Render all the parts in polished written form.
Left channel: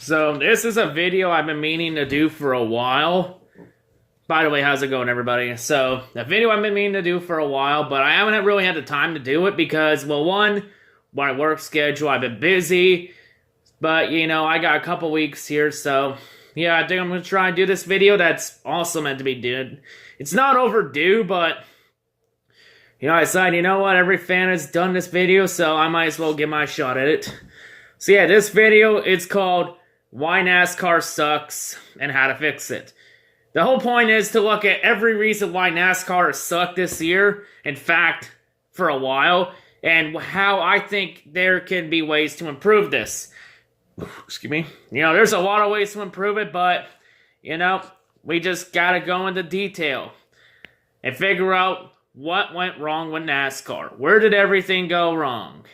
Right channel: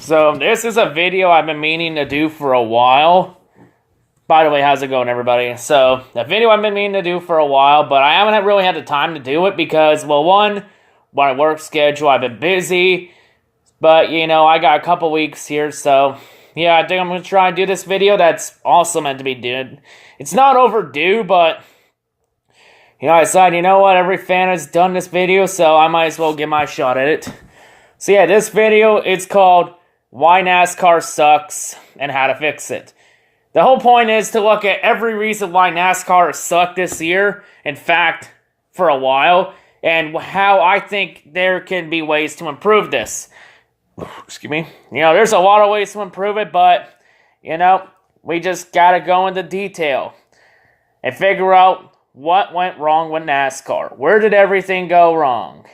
So this is a video I've been meaning to do for a while. By the way, how's it going, everybody? So, a video I've been meaning to do for a while, but I haven't really had the time to do it because, well, one, my work schedule, I've been busy. But, you know, I got a couple weeks here, so, yeah, I think I'm going to try and do this video that's also meant to be done. It's not overdue, but, you know, I decided, you know what, every fan has done this video, so I might as well give my shot at it. So, yeah, this video, it's called Why NASCAR Sucks and How to Fix It. The whole point is to look at every reason why NASCAR has sucked this year, in fact, for a while, and how I think there can be ways to improve this. Excuse me. You know, there's a lot of ways to improve it, but, you know, we just gotta go into detail and figure out what went wrong with NASCAR. Where did everything go wrong?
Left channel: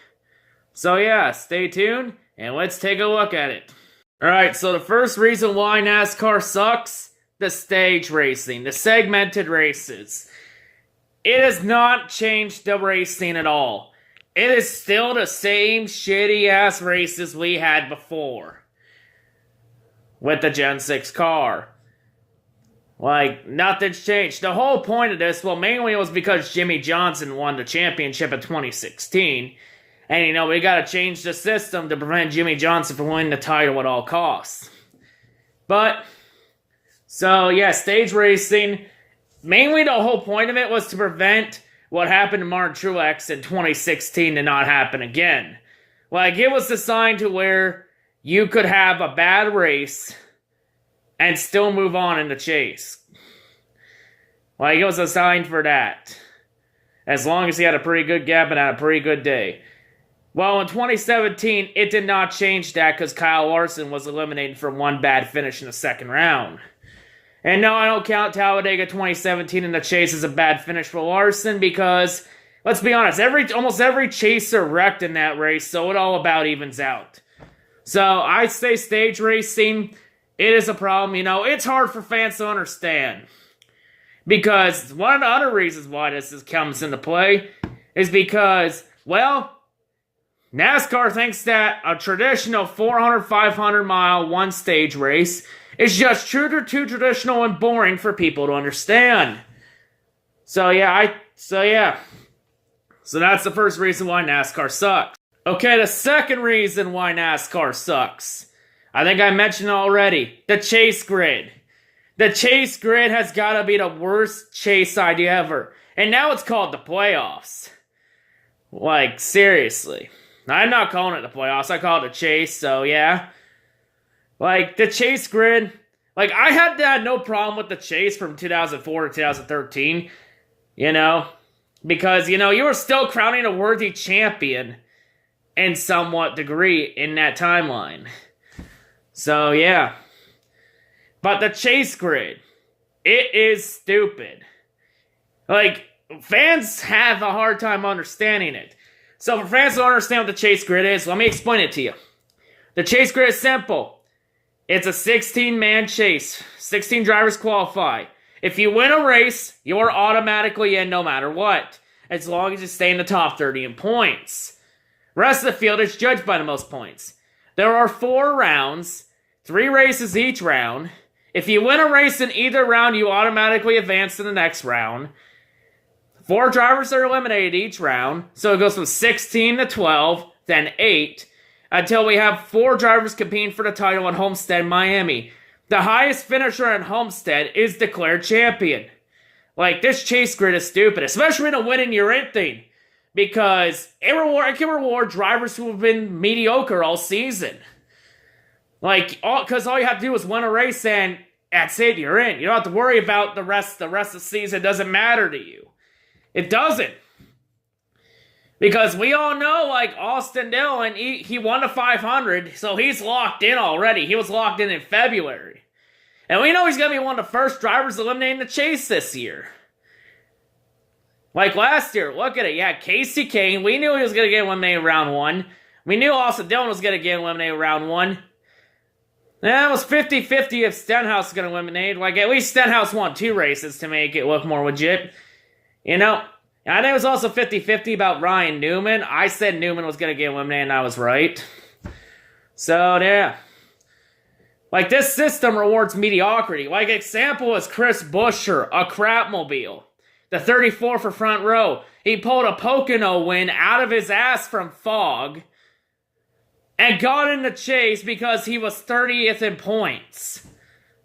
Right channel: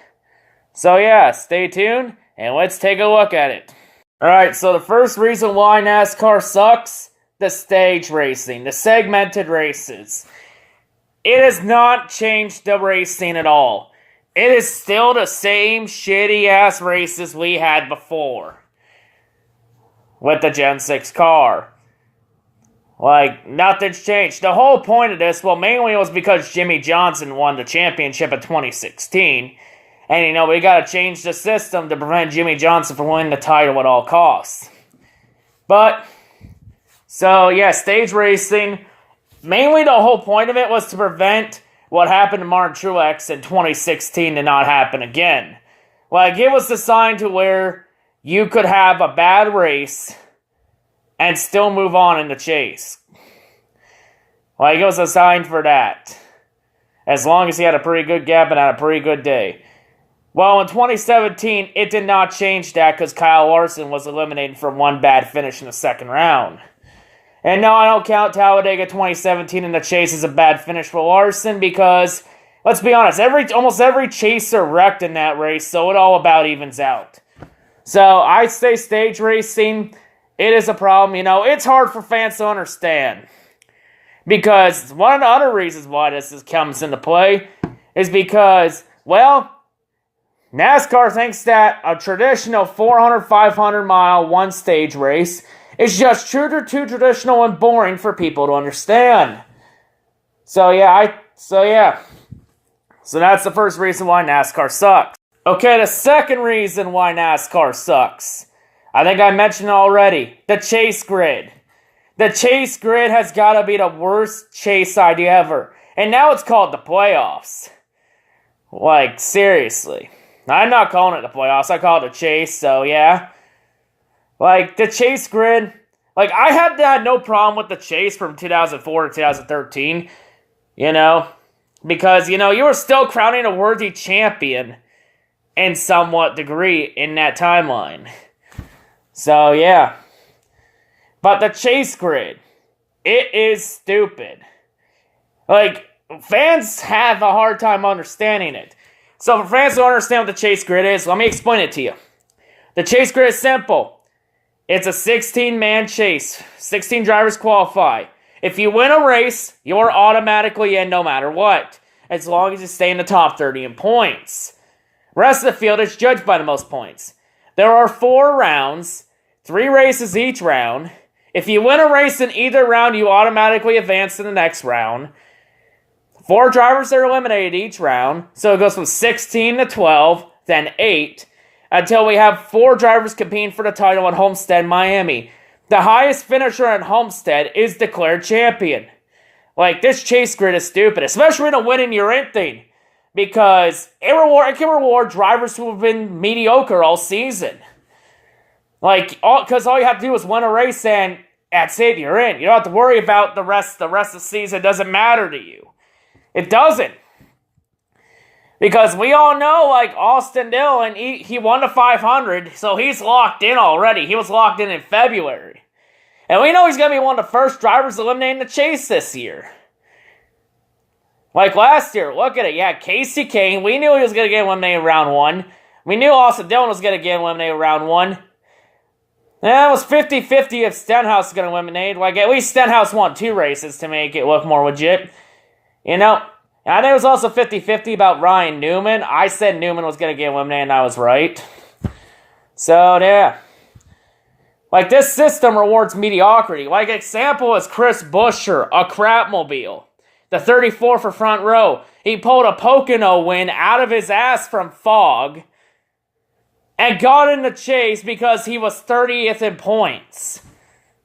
So, yeah, stay tuned, and let's take a look at it. Alright, so the first reason why NASCAR sucks, the stage racing, the segmented races. It has not changed the racing at all. It is still the same shitty-ass races we had before with the Gen 6 car. Like, nothing's changed. The whole point of this, well, mainly it was because Jimmie Johnson won the championship in 2016. And, you know, we gotta change the system to prevent Jimmie Johnson from winning the title at all costs. But, so, yeah, stage racing, mainly the whole point of it was to prevent what happened to Martin Truex in 2016 to not happen again. Like, it was designed to where you could have a bad race and still move on in the chase. Like, it was designed for that. As long as he had a pretty good gap and had a pretty good day. Well, in 2017, it did not change that because Kyle Larson was eliminated from one bad finish in the second round. And no, I don't count Talladega 2017 in the chase as a bad finish for Larson because, let's be honest, almost every chaser wrecked in that race, so it all about evens out. So, I say stage racing, it is a problem. You know, it's hard for fans to understand. Because one of the other reasons why this comes into play is because, well, NASCAR thinks that a traditional 400, 500 mile one stage race is just too traditional and boring for people to understand. So that's the first reason why NASCAR sucks. Okay, the second reason why NASCAR sucks. I think I mentioned it already. The chase grid. The chase grid has got to be the worst chase idea ever. And now it's called the playoffs. Like, seriously. I'm not calling it the playoffs, I call it the chase, so yeah. Like, the chase grid, like, I had no problem with the chase from 2004 to 2013, you know, because, you know, you were still crowning a worthy champion in somewhat degree in that timeline. So, yeah. But the chase grid, it is stupid. Like, fans have a hard time understanding it. So for fans who don't understand what the chase grid is, let me explain it to you. The chase grid is simple. It's a 16-man chase. 16 drivers qualify. If you win a race, you're automatically in no matter what, as long as you stay in the top 30 in points. Rest of the field is judged by the most points. There are 4 rounds, 3 races each round. If you win a race in either round, you automatically advance to the next round. 4 drivers are eliminated each round, so it goes from 16 to 12, then 8, until we have 4 drivers competing for the title at Homestead, Miami. The highest finisher at Homestead is declared champion. Like, this chase grid is stupid, especially in a win in your end thing, because it can reward drivers who have been mediocre all season. Like, because all you have to do is win a race and that's it, you're in. You don't have to worry about the rest of the season. It doesn't matter to you. It doesn't. Because we all know, like, Austin Dillon, he won the 500, so he's locked in already. He was locked in February. And we know he's going to be one of the first drivers eliminating the chase this year. Like last year, look at it. Yeah, Casey Kane, we knew he was going to get eliminated round 1. We knew Austin Dillon was going to get eliminated round 1. Yeah, it was 50-50 if Stenhouse was going to eliminate. Like, at least Stenhouse won 2 races to make it look more legit. You know, I think it was also 50-50 about Ryan Newman. I said Newman was going to get eliminated, and I was right. So, yeah. Like, this system rewards mediocrity. Like, example is Chris Buescher, a crapmobile. The 34 for front row. He pulled a Pocono win out of his ass from fog and got in the chase because he was 30th in points.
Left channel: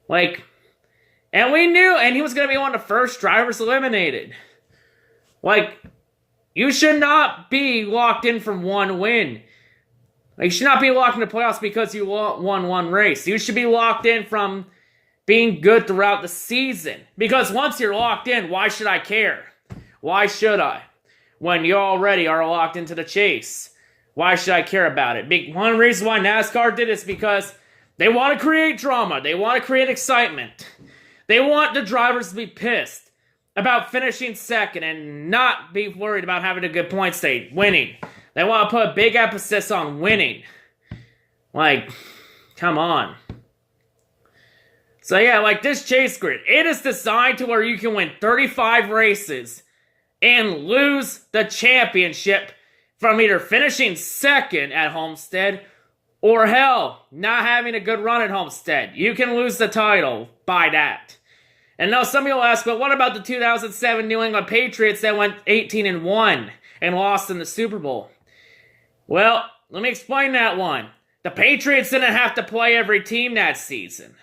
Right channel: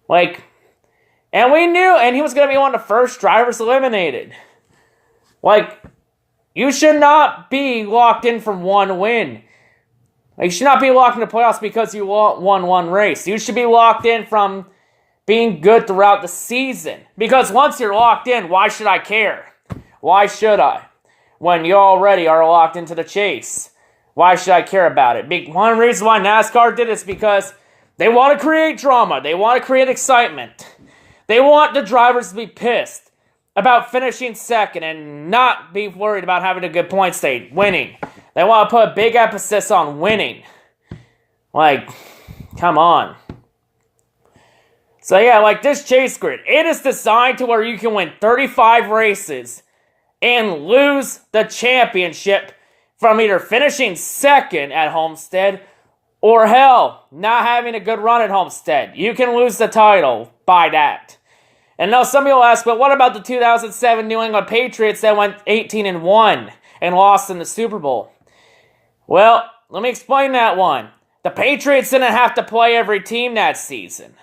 Like, and we knew, and he was going to be one of the first drivers eliminated. Like, you should not be locked in from one win. Like, you should not be locked in the playoffs because you won one race. You should be locked in from being good throughout the season. Because once you're locked in, why should I care? Why should I? When you already are locked into the chase. Why should I care about it? One reason why NASCAR did it is because they want to create drama. They want to create excitement. They want the drivers to be pissed about finishing second and not be worried about having a good point state, winning. They want to put a big emphasis on winning. Like, come on. So yeah, like this chase grid, it is designed to where you can win 35 races and lose the championship from either finishing second at Homestead or hell, not having a good run at Homestead. You can lose the title by that. And now some people ask, but what about the 2007 New England Patriots that went 18-1 and lost in the Super Bowl? Well, let me explain that one. The Patriots didn't have to play every team that season.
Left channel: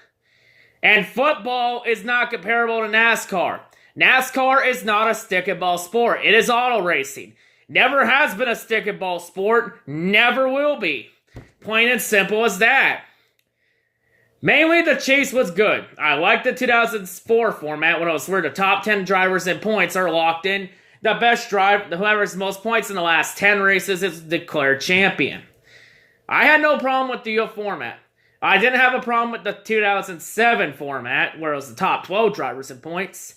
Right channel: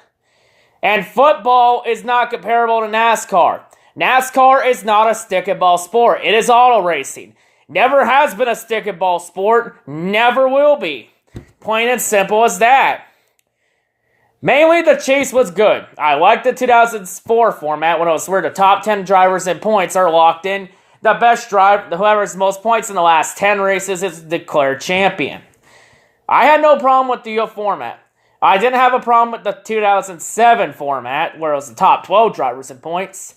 And football is not comparable to NASCAR. NASCAR is not a stick and ball sport. It is auto racing. Never has been a stick and ball sport. Never will be. Plain and simple as that. Mainly, the chase was good. I liked the 2004 format when it was where the top 10 drivers in points are locked in. The best driver, whoever has the most points in the last 10 races is declared champion. I had no problem with the format. I didn't have a problem with the 2007 format where it was the top 12 drivers in points.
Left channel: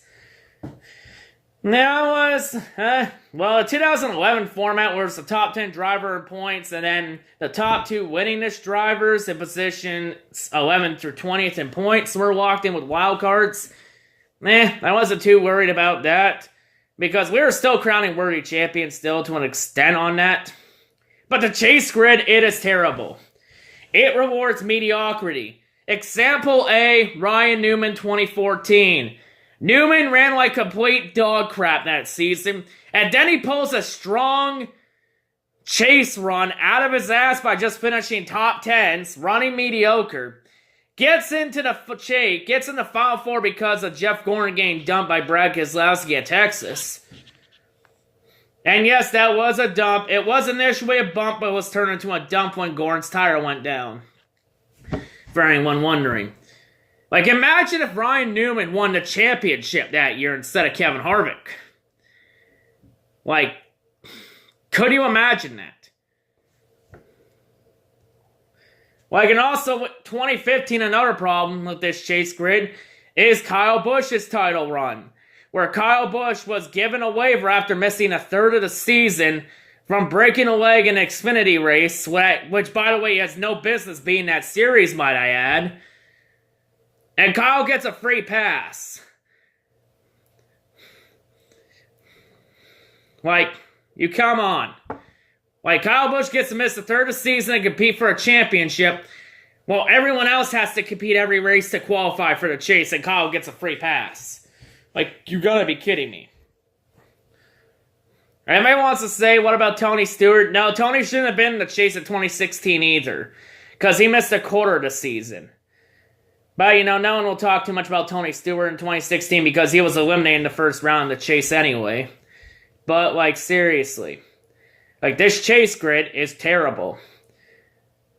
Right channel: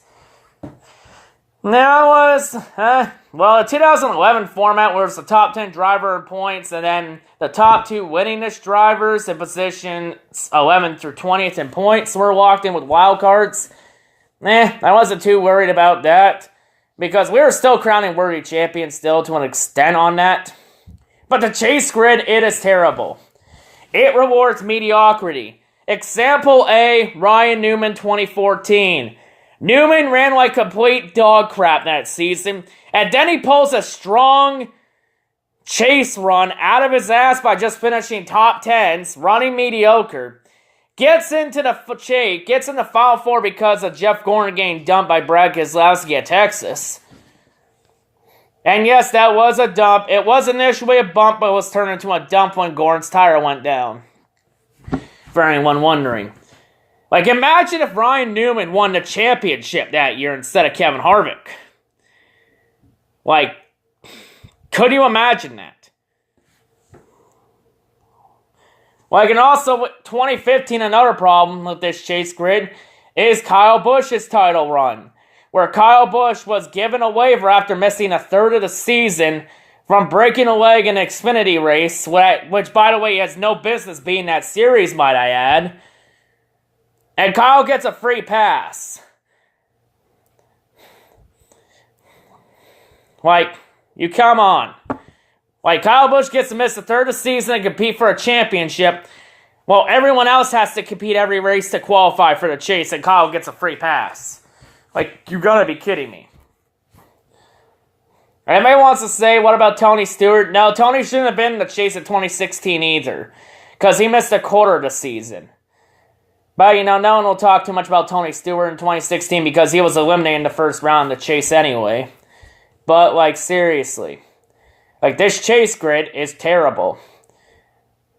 Now it was, the 2011 format where it's the top 10 driver in points and then the top 2 winningest drivers in position 11th through 20th in points were locked in with wild cards. I wasn't too worried about that because we were still crowning worthy champions still to an extent on that. But the chase grid, it is terrible. It rewards mediocrity. Example A, Ryan Newman 2014. Newman ran like complete dog crap that season, and then he pulls a strong chase run out of his ass by just finishing top 10s, running mediocre. Gets into the chase, gets in the Final Four because of Jeff Gordon getting dumped by Brad Keselowski at Texas. And yes, that was a dump. It was initially a bump, but it was turned into a dump when Gordon's tire went down. For anyone wondering. Like, imagine if Ryan Newman won the championship that year instead of Kevin Harvick. Like, could you imagine that? Like, and also, 2015, another problem with this chase grid is Kyle Busch's title run, where Kyle Busch was given a waiver after missing a third of the season from breaking a leg in an Xfinity race, which, by the way, he has no business being that series, might I add. And Kyle gets a free pass. Like, you come on. Like, Kyle Busch gets to miss a third of the season and compete for a championship, while everyone else has to compete every race to qualify for the chase, and Kyle gets a free pass. Like, you gotta be kidding me. Everybody wants to say, what about Tony Stewart? No, Tony shouldn't have been in the chase in 2016 either, because he missed a quarter of the season. But, no one will talk too much about Tony Stewart in 2016 because he was eliminated in the first round of the chase anyway. But, like, seriously. Like, this chase grid is terrible.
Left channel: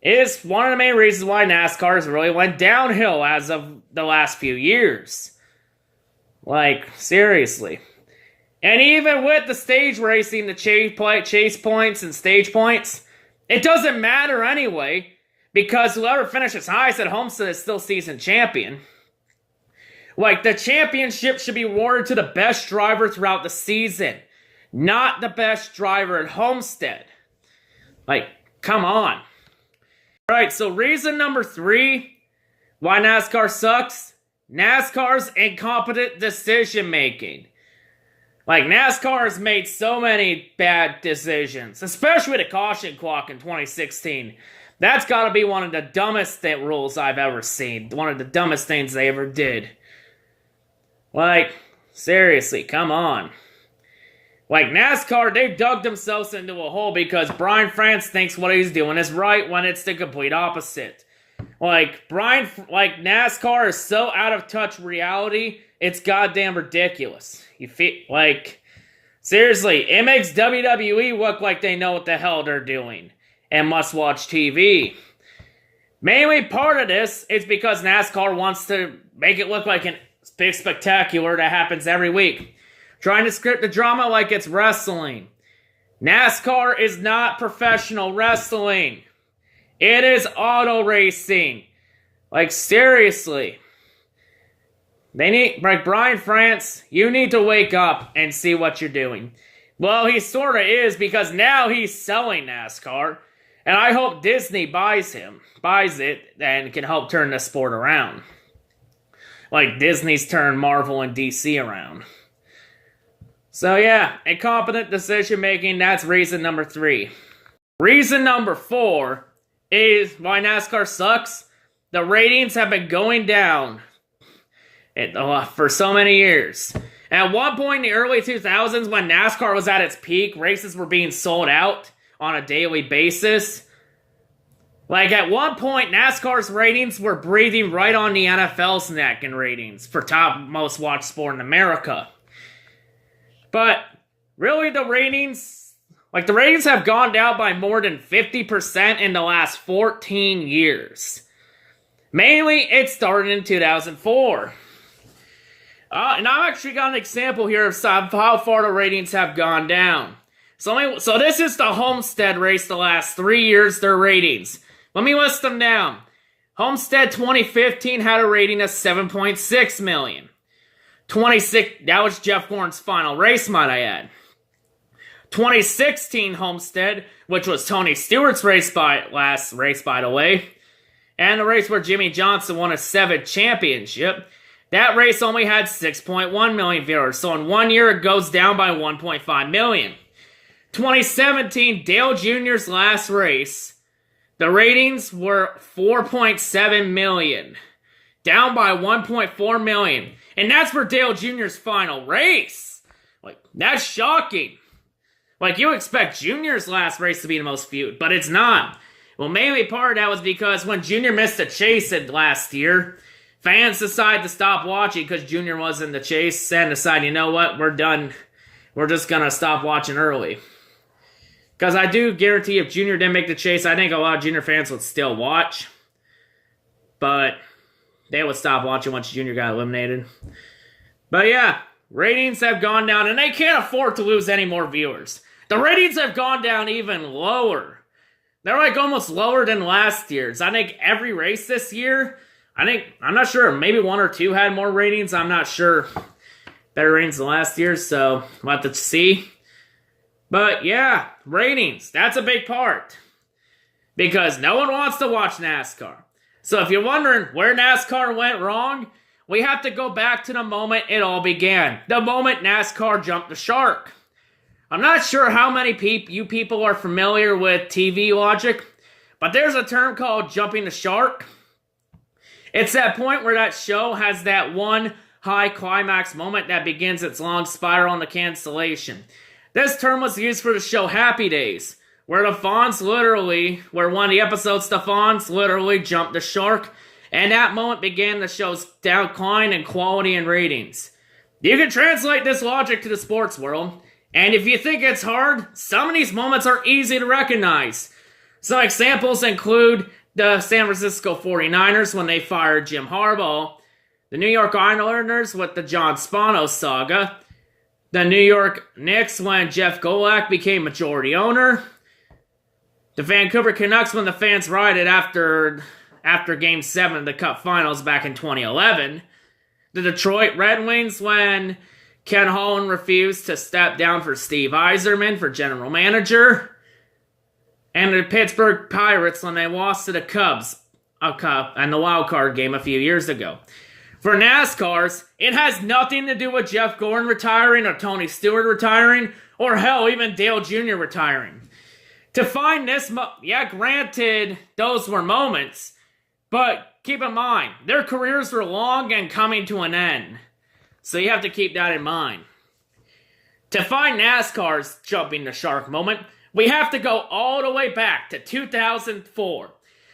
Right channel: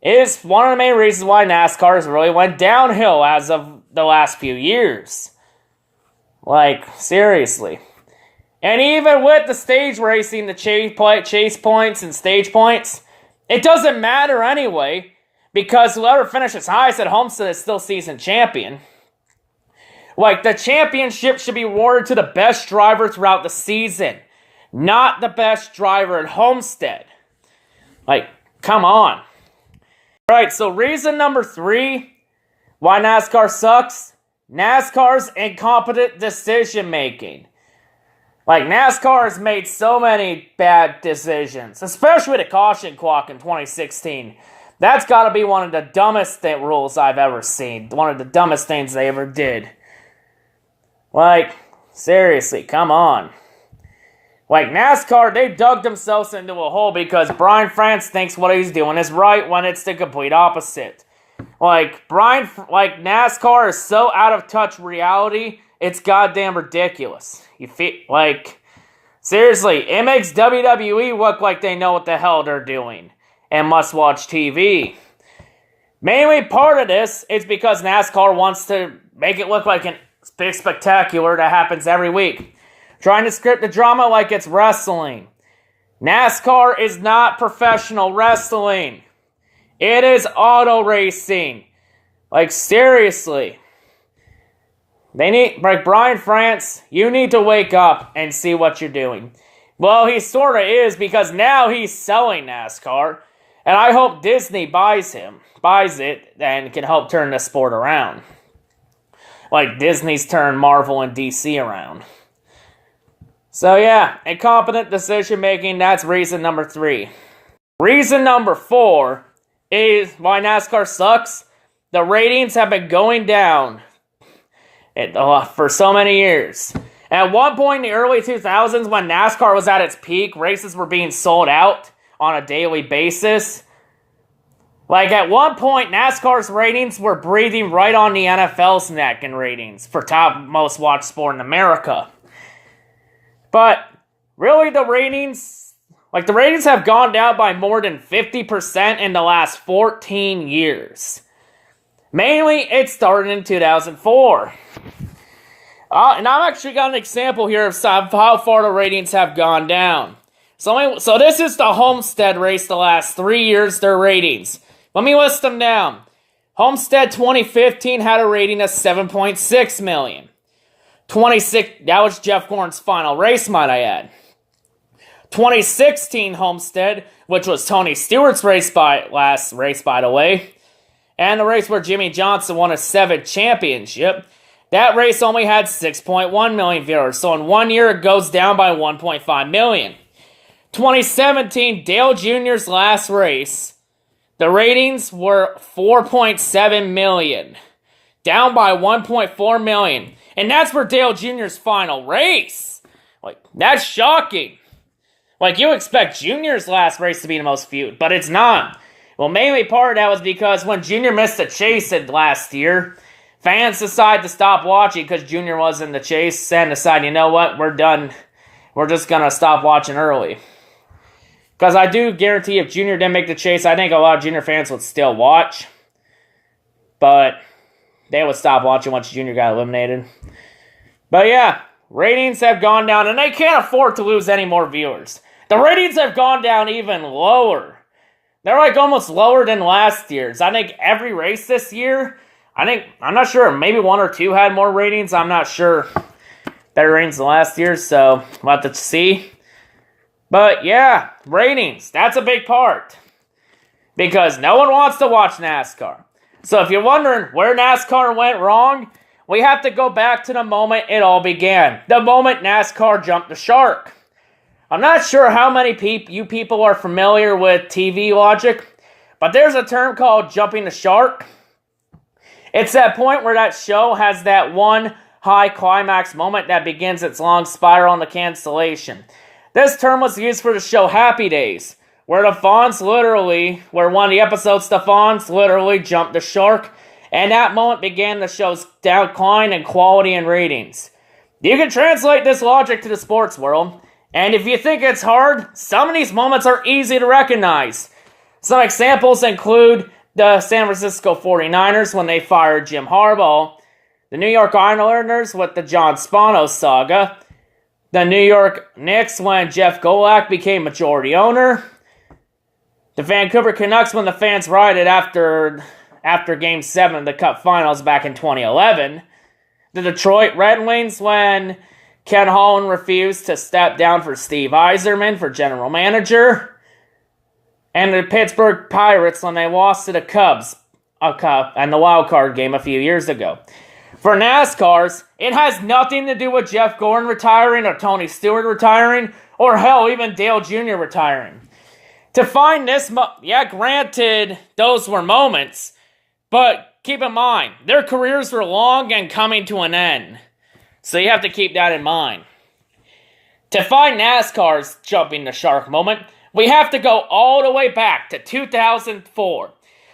It is one of the main reasons why NASCAR has really went downhill as of the last few years. Like, seriously. And even with the stage racing, the chase points and stage points, it doesn't matter anyway. Because whoever finishes highest at Homestead is still season champion. Like, the championship should be awarded to the best driver throughout the season. Not the best driver at Homestead. Like, come on. Alright, so reason number 3 why NASCAR sucks. NASCAR's incompetent decision making. Like, NASCAR has made so many bad decisions. Especially the caution clock in 2016. That's got to be one of the dumbest rules I've ever seen. One of the dumbest things they ever did. Like, seriously, come on. Like, NASCAR, they dug themselves into a hole because Brian France thinks what he's doing is right when it's the complete opposite. Like, NASCAR is so out of touch reality, it's goddamn ridiculous. You feel, like, seriously, it makes WWE look like they know what the hell they're doing and must watch TV. Mainly part of this is because NASCAR wants to make it look like a big spectacular that happens every week. Trying to script the drama like it's wrestling. NASCAR is not professional wrestling. It is auto racing. Like, seriously. They need, like, Brian France, you need to wake up and see what you're doing. Well, he sort of is, because now he's selling NASCAR. And I hope Disney buys it, and can help turn the sport around. Like Disney's turned Marvel and DC around. So yeah, incompetent decision making, that's reason number 3. Reason number 4 is why NASCAR sucks. The ratings have been going down for so many years. At one point in the early 2000s, when NASCAR was at its peak, races were being sold out on a daily basis. Like, at one point, NASCAR's ratings were breathing right on the NFL's neck in ratings for top most watched sport in America. But, really, the ratings have gone down by more than 50% in the last 14 years. Mainly, it started in 2004. And I've actually got an example here of how far the ratings have gone down. So this is the Homestead race the last 3 years, their ratings. Let me list them down. Homestead 2015 had a rating of 7.6 million. That was Jeff Gordon's final race, might I add. 2016 Homestead, which was Tony Stewart's last race, by the way, and the race where Jimmy Johnson won a 7th championship, that race only had 6.1 million viewers, so in 1 year it goes down by 1.5 million. 2017, Dale Jr.'s last race, the ratings were 4.7 million, down by 1.4 million. And that's for Dale Jr.'s final race. Like, that's shocking. Like, you expect Jr.'s last race to be the most viewed, but it's not. Well, mainly part of that was because when Jr. missed the chase last year, fans decided to stop watching because Jr. was in the chase and decided, you know what, we're done. We're just going to stop watching early. Because I do guarantee if Junior didn't make the chase, I think a lot of Junior fans would still watch. But they would stop watching once Junior got eliminated. But yeah, ratings have gone down, and they can't afford to lose any more viewers. The ratings have gone down even lower. They're like almost lower than last year's. I think every race this year, I'm not sure, maybe 1 or 2 had more ratings. I'm not sure. Better ratings than last year, so we'll have to see. But yeah, ratings, that's a big part. Because no one wants to watch NASCAR. So if you're wondering where NASCAR went wrong, we have to go back to the moment it all began. The moment NASCAR jumped the shark. I'm not sure how many you people are familiar with TV logic, but there's a term called jumping the shark. It's that point where that show has that one high climax moment that begins its long spiral into cancellation. This term was used for the show Happy Days, where one of the episodes, the Fonz literally jumped the shark, and that moment began the show's decline in quality and ratings. You can translate this logic to the sports world, and if you think it's hard, some of these moments are easy to recognize. Some examples include the San Francisco 49ers when they fired Jim Harbaugh, the New York Islanders with the John Spano saga, the New York Knicks when Jeff Golick became majority owner, the Vancouver Canucks when the fans rioted after Game 7 of the Cup Finals back in 2011, the Detroit Red Wings when Ken Holland refused to step down for Steve Yzerman for general manager, and the Pittsburgh Pirates when they lost to the Cubs and the wild card game a few years ago. For NASCAR's, it has nothing to do with Jeff Gordon retiring or Tony Stewart retiring, or hell, even Dale Jr. retiring. To find this, yeah, granted, those were moments, but keep in mind, their careers were long and coming to an end. So you have to keep that in mind. To find NASCAR's jumping the shark moment, we have to go all the way back to 2004.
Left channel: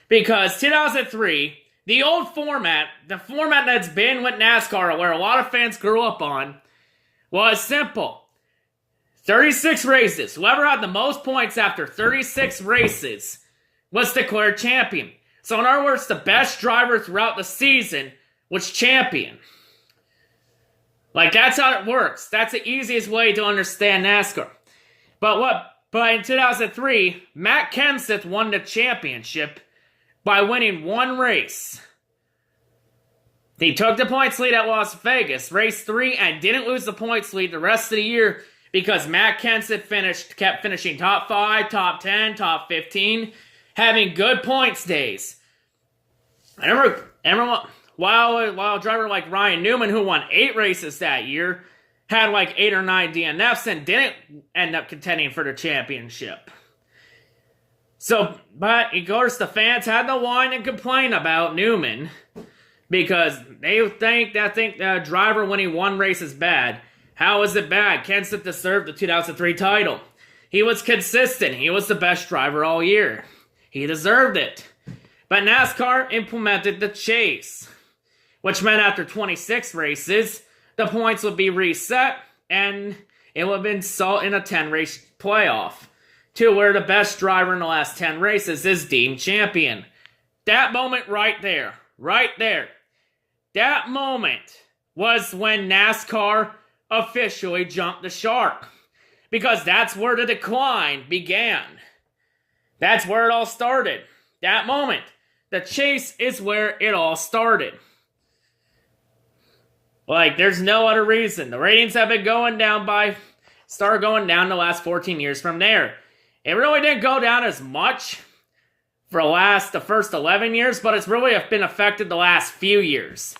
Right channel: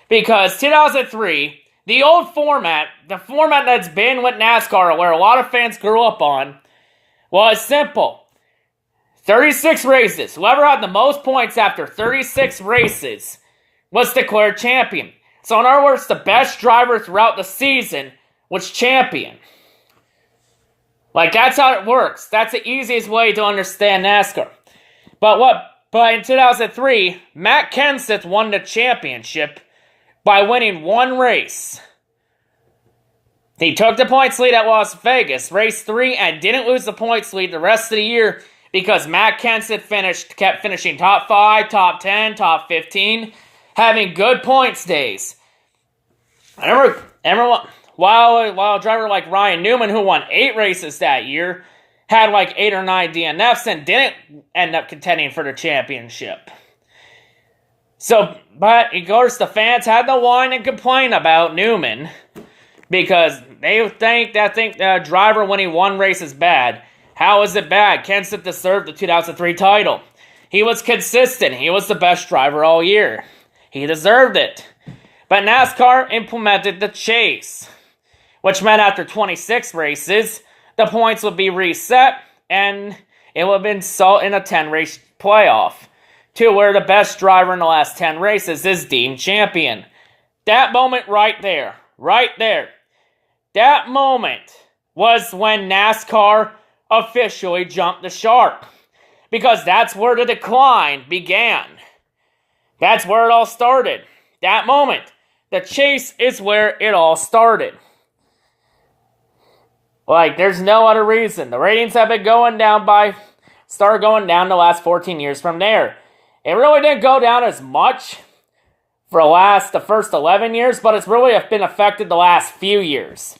Because 2003, the old format, the format that's been with NASCAR, where a lot of fans grew up on, was simple. 36 races. Whoever had the most points after 36 races was declared champion. So in other words, the best driver throughout the season was champion. Like, that's how it works. That's the easiest way to understand NASCAR. But in 2003, Matt Kenseth won the championship by winning one race. He took the points lead at Las Vegas, race 3, and didn't lose the points lead the rest of the year because Matt Kenseth kept finishing top 5, top 10, top 15, having good points days. I remember while a driver like Ryan Newman, who won 8 races that year, had like 8 or 9 DNFs and didn't end up contending for the championship. So, but of course, the fans had to whine and complain about Newman because they think the driver winning one race is bad. How is it bad? Kenseth deserved the 2003 title. He was consistent. He was the best driver all year. He deserved it. But NASCAR implemented the chase, which meant after 26 races, the points would be reset, and it would have been sold in a 10-race playoff, to where the best driver in the last 10 races is deemed champion. That moment right there, that moment was when NASCAR officially jumped the shark, because that's where the decline began. That's where it all started. That moment. The chase is where it all started. Like, there's no other reason. The ratings have been started going down the last 14 years from there. It really didn't go down as much for the first 11 years, but it's really been affected the last few years.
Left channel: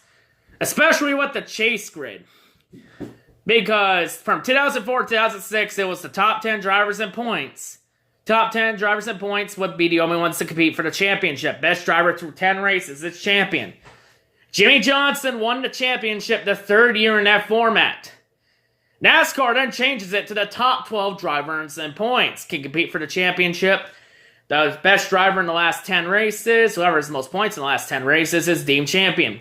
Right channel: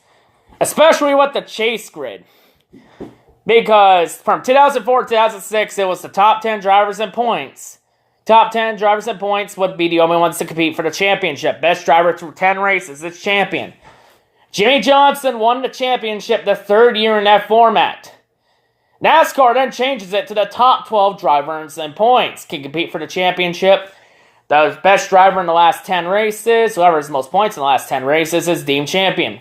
Especially with the chase grid. Because from 2004 to 2006, it was the top 10 drivers in points. Top 10 drivers in points would be the only ones to compete for the championship. Best driver through 10 races is champion. Jimmy Johnson won the championship the 3rd year in that format. NASCAR then changes it to the top 12 drivers in points can compete for the championship. The best driver in the last 10 races, whoever has the most points in the last 10 races, is deemed champion.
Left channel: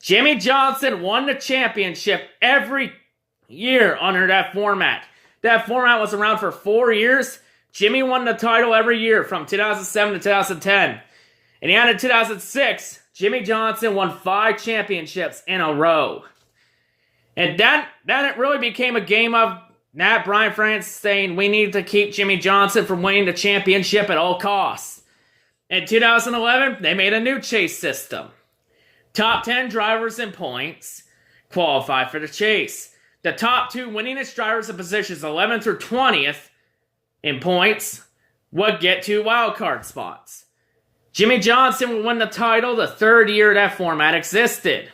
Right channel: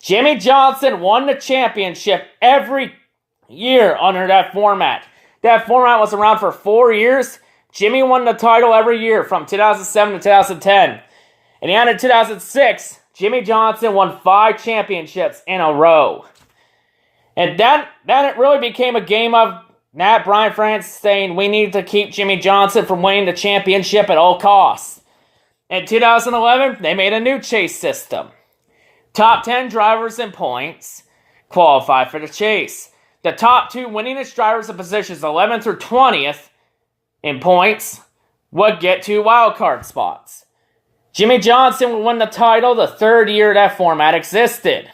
Jimmy Johnson won the championship every year under that format. That format was around for 4 years. Jimmy won the title every year from 2007 to 2010. And the end of 2006, Jimmy Johnson won 5 championships in a row. And then it really became a game of Brian France saying we need to keep Jimmy Johnson from winning the championship at all costs. In 2011, they made a new chase system. Top 10 drivers in points qualify for the chase. The top 2 winningest drivers in positions 11th through 20th in points would get 2 wildcard spots. Jimmy Johnson would win the title the 3rd year that format existed.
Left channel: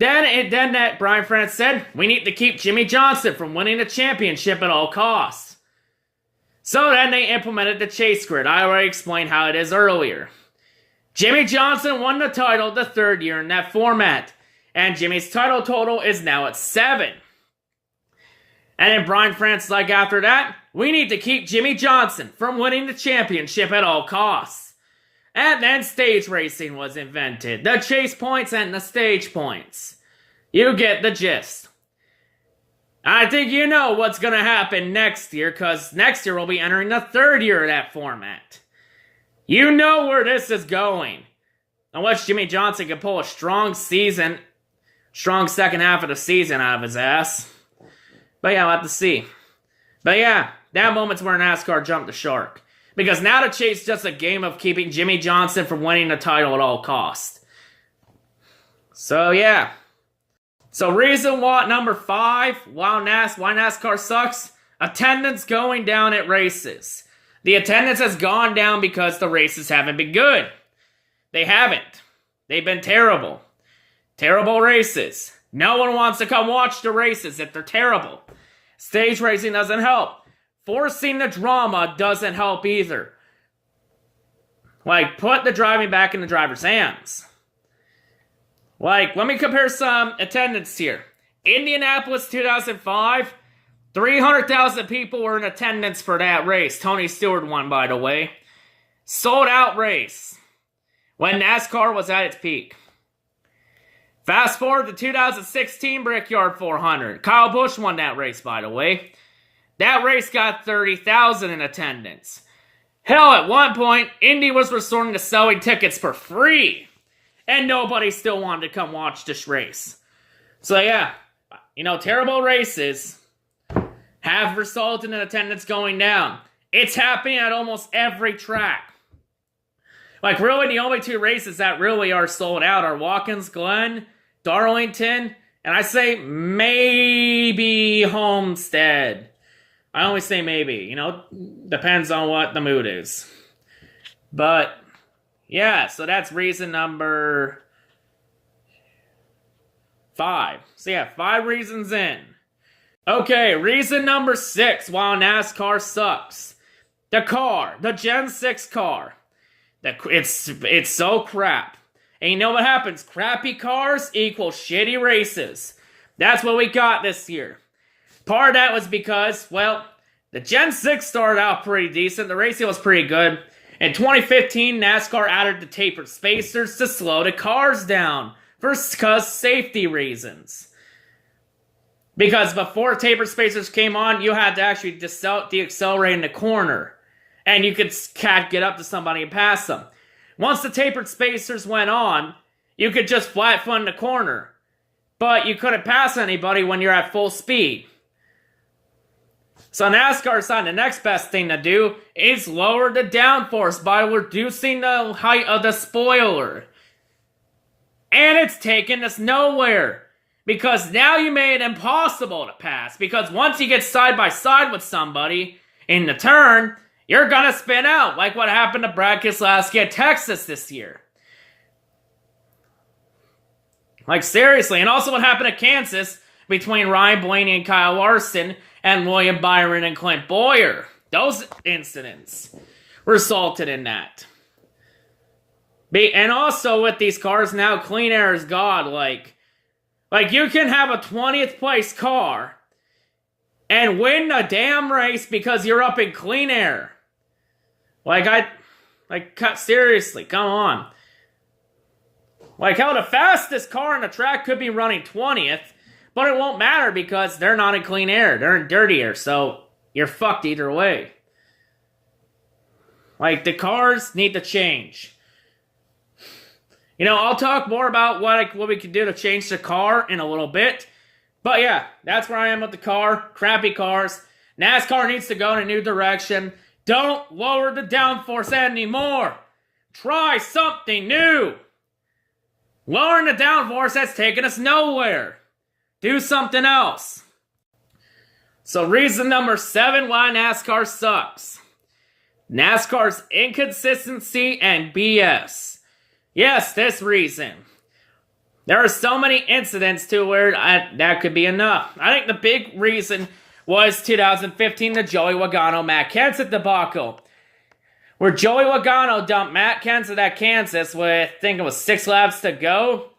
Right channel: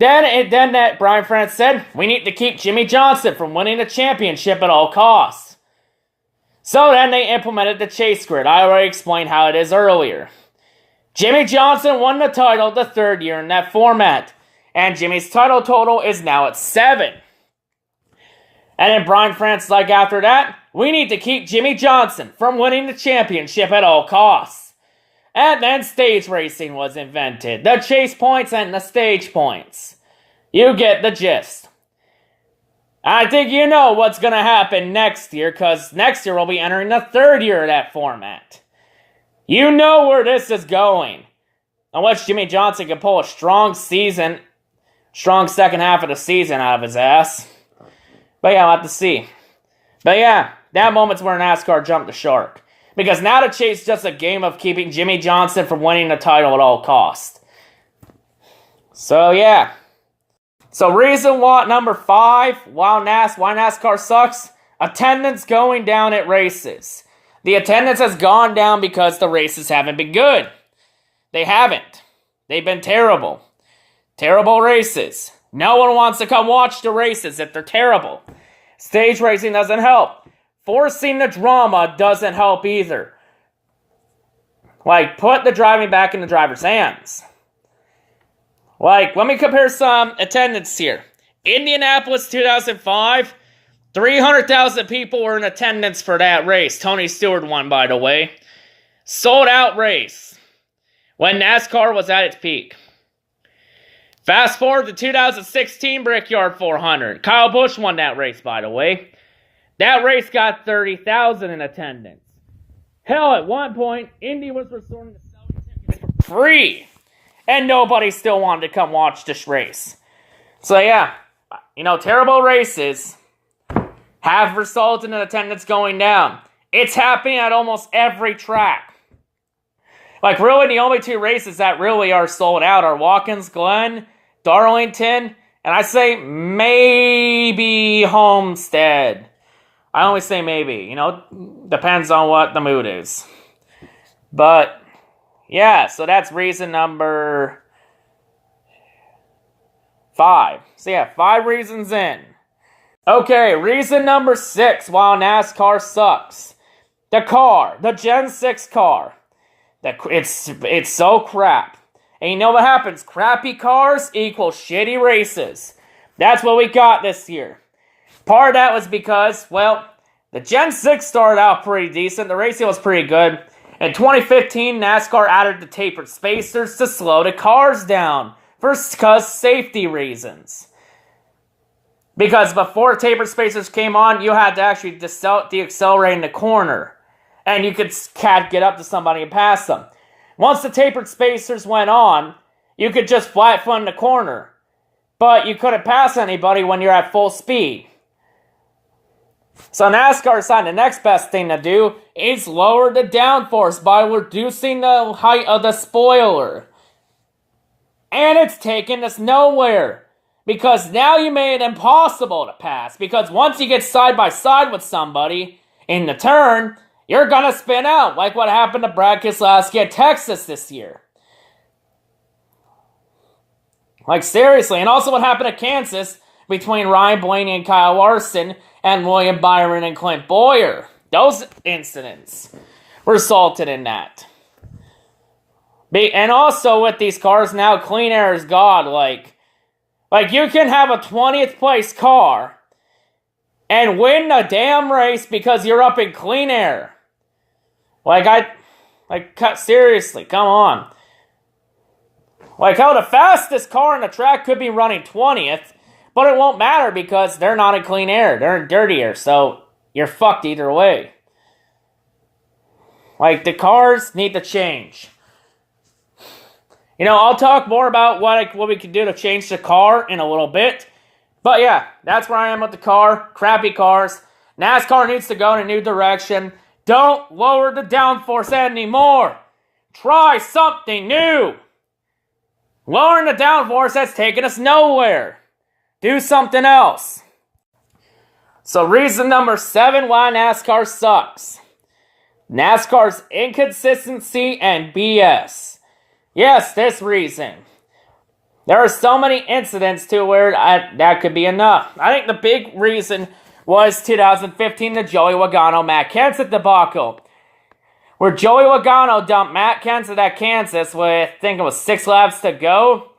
Then that Brian France said, we need to keep Jimmy Johnson from winning the championship at all costs. So then they implemented the chase grid. I already explained how it is earlier. Jimmy Johnson won the title the 3rd year in that format. And Jimmy's title total is now at 7. And then Brian France, like after that, we need to keep Jimmy Johnson from winning the championship at all costs. And then stage racing was invented. The chase points and the stage points. You get the gist. I think you know what's going to happen next year, because next year we'll be entering the 3rd year of that format. You know where this is going. Unless Jimmy Johnson can pull a strong second half of the season out of his ass. But yeah, we'll have to see. But yeah, that moment's where NASCAR jumped the shark. Because now the chase is just a game of keeping Jimmy Johnson from winning the title at all costs. So yeah. So reason number 5, why NASCAR sucks? Attendance going down at races. The attendance has gone down because the races haven't been good. They haven't. They've been terrible. Terrible races. No one wants to come watch the races if they're terrible. Stage racing doesn't help. forcing the drama doesn't help either. Like, put the driving back in the driver's hands. Like, let me compare some attendance here. Indianapolis 2005, 300,000 people were in attendance for that race. Tony Stewart won, by the way. Sold out race when NASCAR was at its peak. Fast forward to 2016 Brickyard 400. Kyle Busch won that race, by the way. That race got 30,000 in attendance. Hell, at one point, Indy was resorting to selling tickets for free. And nobody still wanted to come watch this race. So yeah, terrible races have resulted in attendance going down. It's happening at almost every track. Like, really, the only two races that really are sold out are Watkins Glen, Darlington, and I say maybe Homestead. I only say maybe, depends on what the mood is. But, yeah, so that's reason number 5. So yeah, 5 reasons in. Okay, reason number 6 why NASCAR sucks. The car, the Gen 6 car. It's so crap. And you know what happens? Crappy cars equal shitty races. That's what we got this year. Part of that was because, well, the Gen 6 started out pretty decent. The racing was pretty good. In 2015, NASCAR added the tapered spacers to slow the cars down because safety reasons. Because before tapered spacers came on, you had to actually deaccelerate in the corner. And you can't get up to somebody and pass them. Once the tapered spacers went on, you could just flat foot in the corner. But you couldn't pass anybody when you're at full speed. So NASCAR decided the next best thing to do is lower the downforce by reducing the height of the spoiler. And it's taken us nowhere. Because now you made it impossible to pass. Because once you get side by side with somebody in the turn, you're gonna spin out, like what happened to Brad Keselowski at Texas this year. Like, seriously. And also what happened at Kansas between Ryan Blaney and Kyle Larson and William Byron and Clint Bowyer. Those incidents resulted in that. And also with these cars now, clean air is God. Like you can have a 20th place car and win the damn race because you're up in clean air. Seriously, come on. Like, how the fastest car on the track could be running 20th, but it won't matter because they're not in clean air. They're in dirty air, so you're fucked either way. Like, the cars need to change. I'll talk more about what we can do to change the car in a little bit. But yeah, that's where I am with the car. Crappy cars. NASCAR needs to go in a new direction. Don't lower the downforce anymore. Try something new. Lowering the downforce has taken us nowhere. Do something else. So reason number 7 why NASCAR sucks. NASCAR's inconsistency and BS. Yes, this reason. There are so many incidents to where that could be enough. I think the big reason was 2015, the Joey Logano-Matt Kenseth debacle, where Joey Logano dumped Matt Kenseth at Kansas with, I think it was 6 laps to go,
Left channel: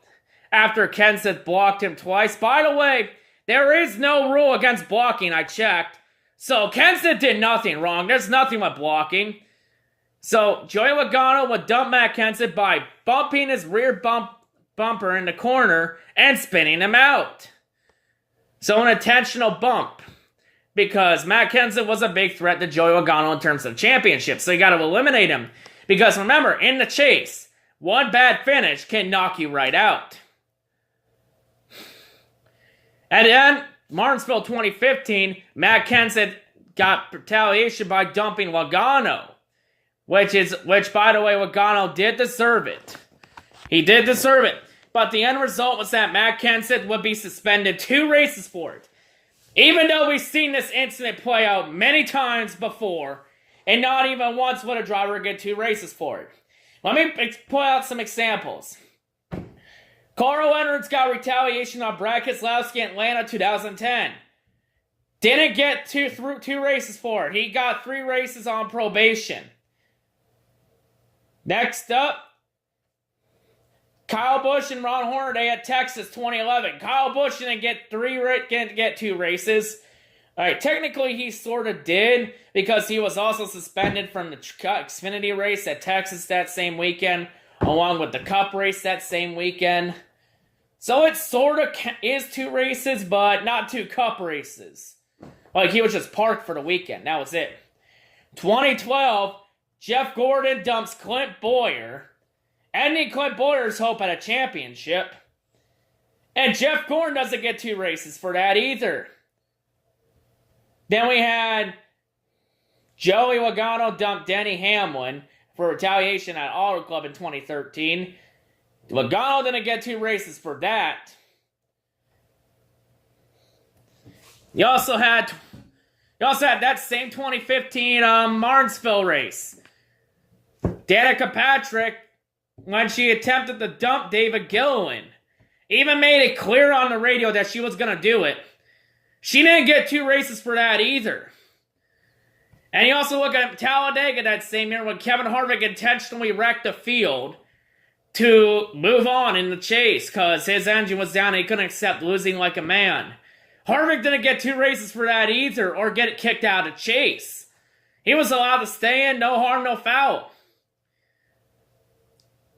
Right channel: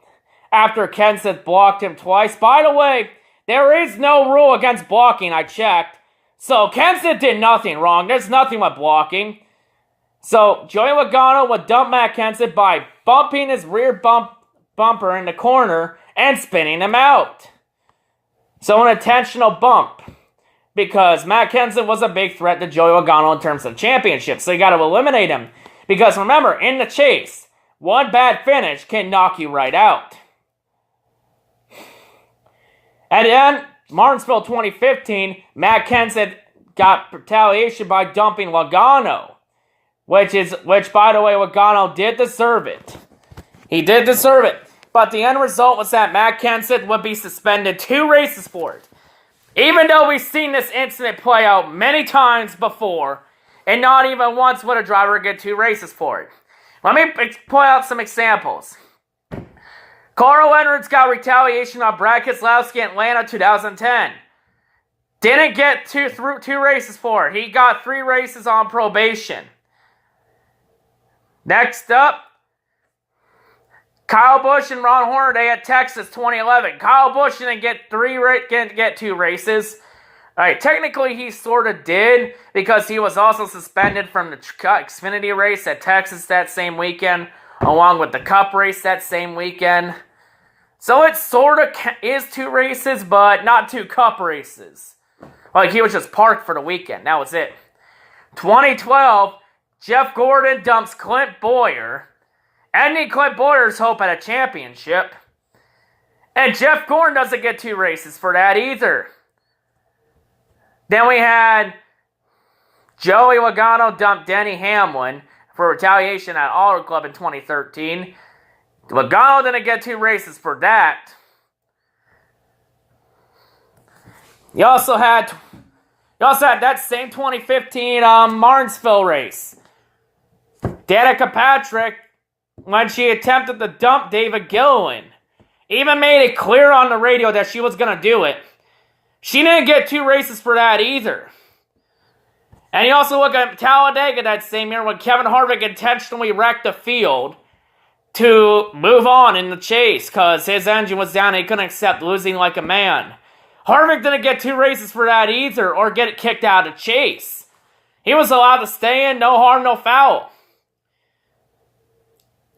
after Kenseth blocked him twice. By the way, there is no rule against blocking, I checked. So Kenseth did nothing wrong. There's nothing with blocking. So Joey Logano would dump Matt Kenseth by bumping his rear bumper in the corner and spinning him out. So an intentional bump. Because Matt Kenseth was a big threat to Joey Logano in terms of championship. So you got to eliminate him. Because remember, in the chase, one bad finish can knock you right out. And then, Martinsville 2015, Matt Kenseth got retaliation by dumping Logano. Which, by the way, Logano did deserve it. He did deserve it. But the end result was that Matt Kenseth would be suspended 2 races for it. Even though we've seen this incident play out many times before, and not even once would a driver get 2 races for it. Let me point out some examples. Carl Edwards got retaliation on Brad Keselowski in Atlanta 2010. Didn't get two races for it. He got 3 races on probation. Next up, Kyle Busch and Ron Hornaday at Texas 2011. Kyle Busch didn't get 2 races. All right, technically he sort of did because he was also suspended from the Xfinity race at Texas that same weekend, along with the Cup race that same weekend. So it sort of is 2 races, but not 2 Cup races. Like, he was just parked for the weekend. That was it. 2012, Jeff Gordon dumps Clint Bowyer, ending Clint Bowyer's hope at a championship. And Jeff Gordon doesn't get 2 races for that either. Then we had Joey Logano dump Denny Hamlin for retaliation at Auto Club in 2013. Logano didn't get 2 races for that. You also had that same 2015 Martinsville race. Danica Patrick, when she attempted to dump David Gilliland, even made it clear on the radio that she was going to do it. She didn't get 2 races for that either. And you also look at Talladega that same year when Kevin Harvick intentionally wrecked the field to move on in the chase because his engine was down and he couldn't accept losing like a man. Harvick didn't get 2 races for that either or get kicked out of chase. He was allowed to stay in, no harm, no foul.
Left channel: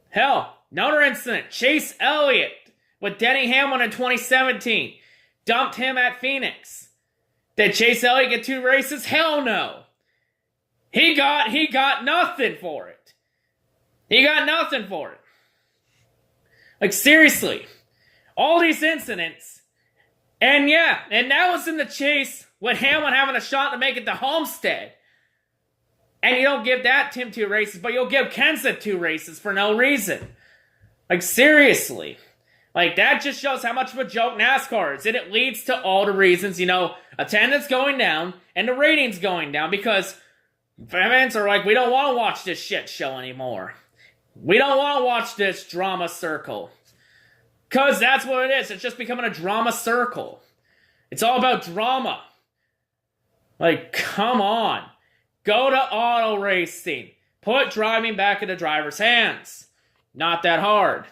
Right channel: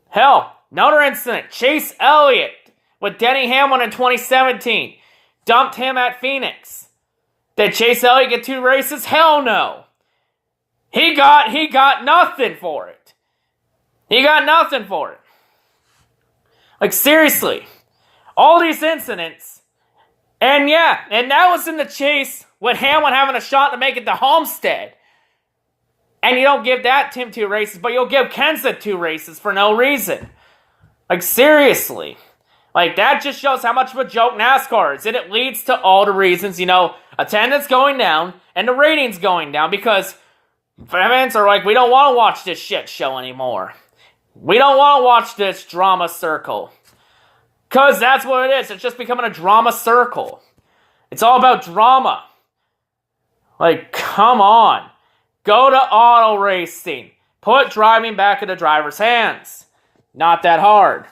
Hell, another incident, Chase Elliott with Denny Hamlin in 2017. Dumped him at Phoenix. Did Chase Elliott get 2 races? Hell no. He got nothing for it. He got nothing for it. Like, seriously. All these incidents. And yeah, and that was in the chase with Hamlin having a shot to make it to Homestead. And you don't give that Tim 2 races, but you'll give Kenseth 2 races for no reason. Like, seriously. Like, that just shows how much of a joke NASCAR is. And it leads to all the reasons, attendance going down and the ratings going down. Because fans are like, we don't want to watch this shit show anymore. We don't want to watch this drama circle. Because that's what it is. It's just becoming a drama circle. It's all about drama. Like, come on. Go to auto racing. Put driving back in the driver's hands. Not that hard.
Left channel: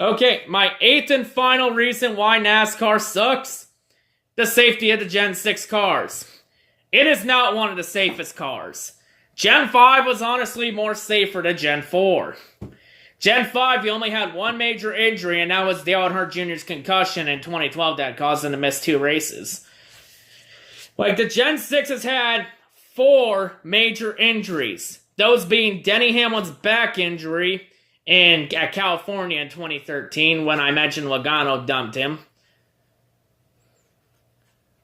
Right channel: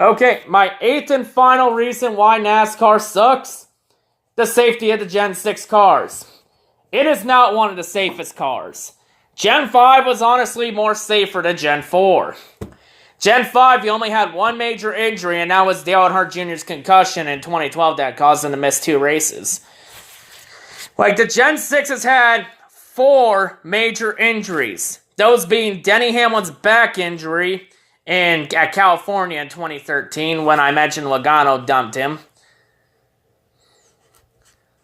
Okay, my 8th and final reason why NASCAR sucks. The safety of the Gen 6 cars. It is not one of the safest cars. Gen 5 was honestly more safer than Gen 4. Gen 5, you only had 1 major injury, and that was Dale Earnhardt Jr.'s concussion in 2012 that caused him to miss 2 races. Like, the Gen 6 has had 4 major injuries. Those being Denny Hamlin's back injury at California in 2013 when I mentioned Logano dumped him.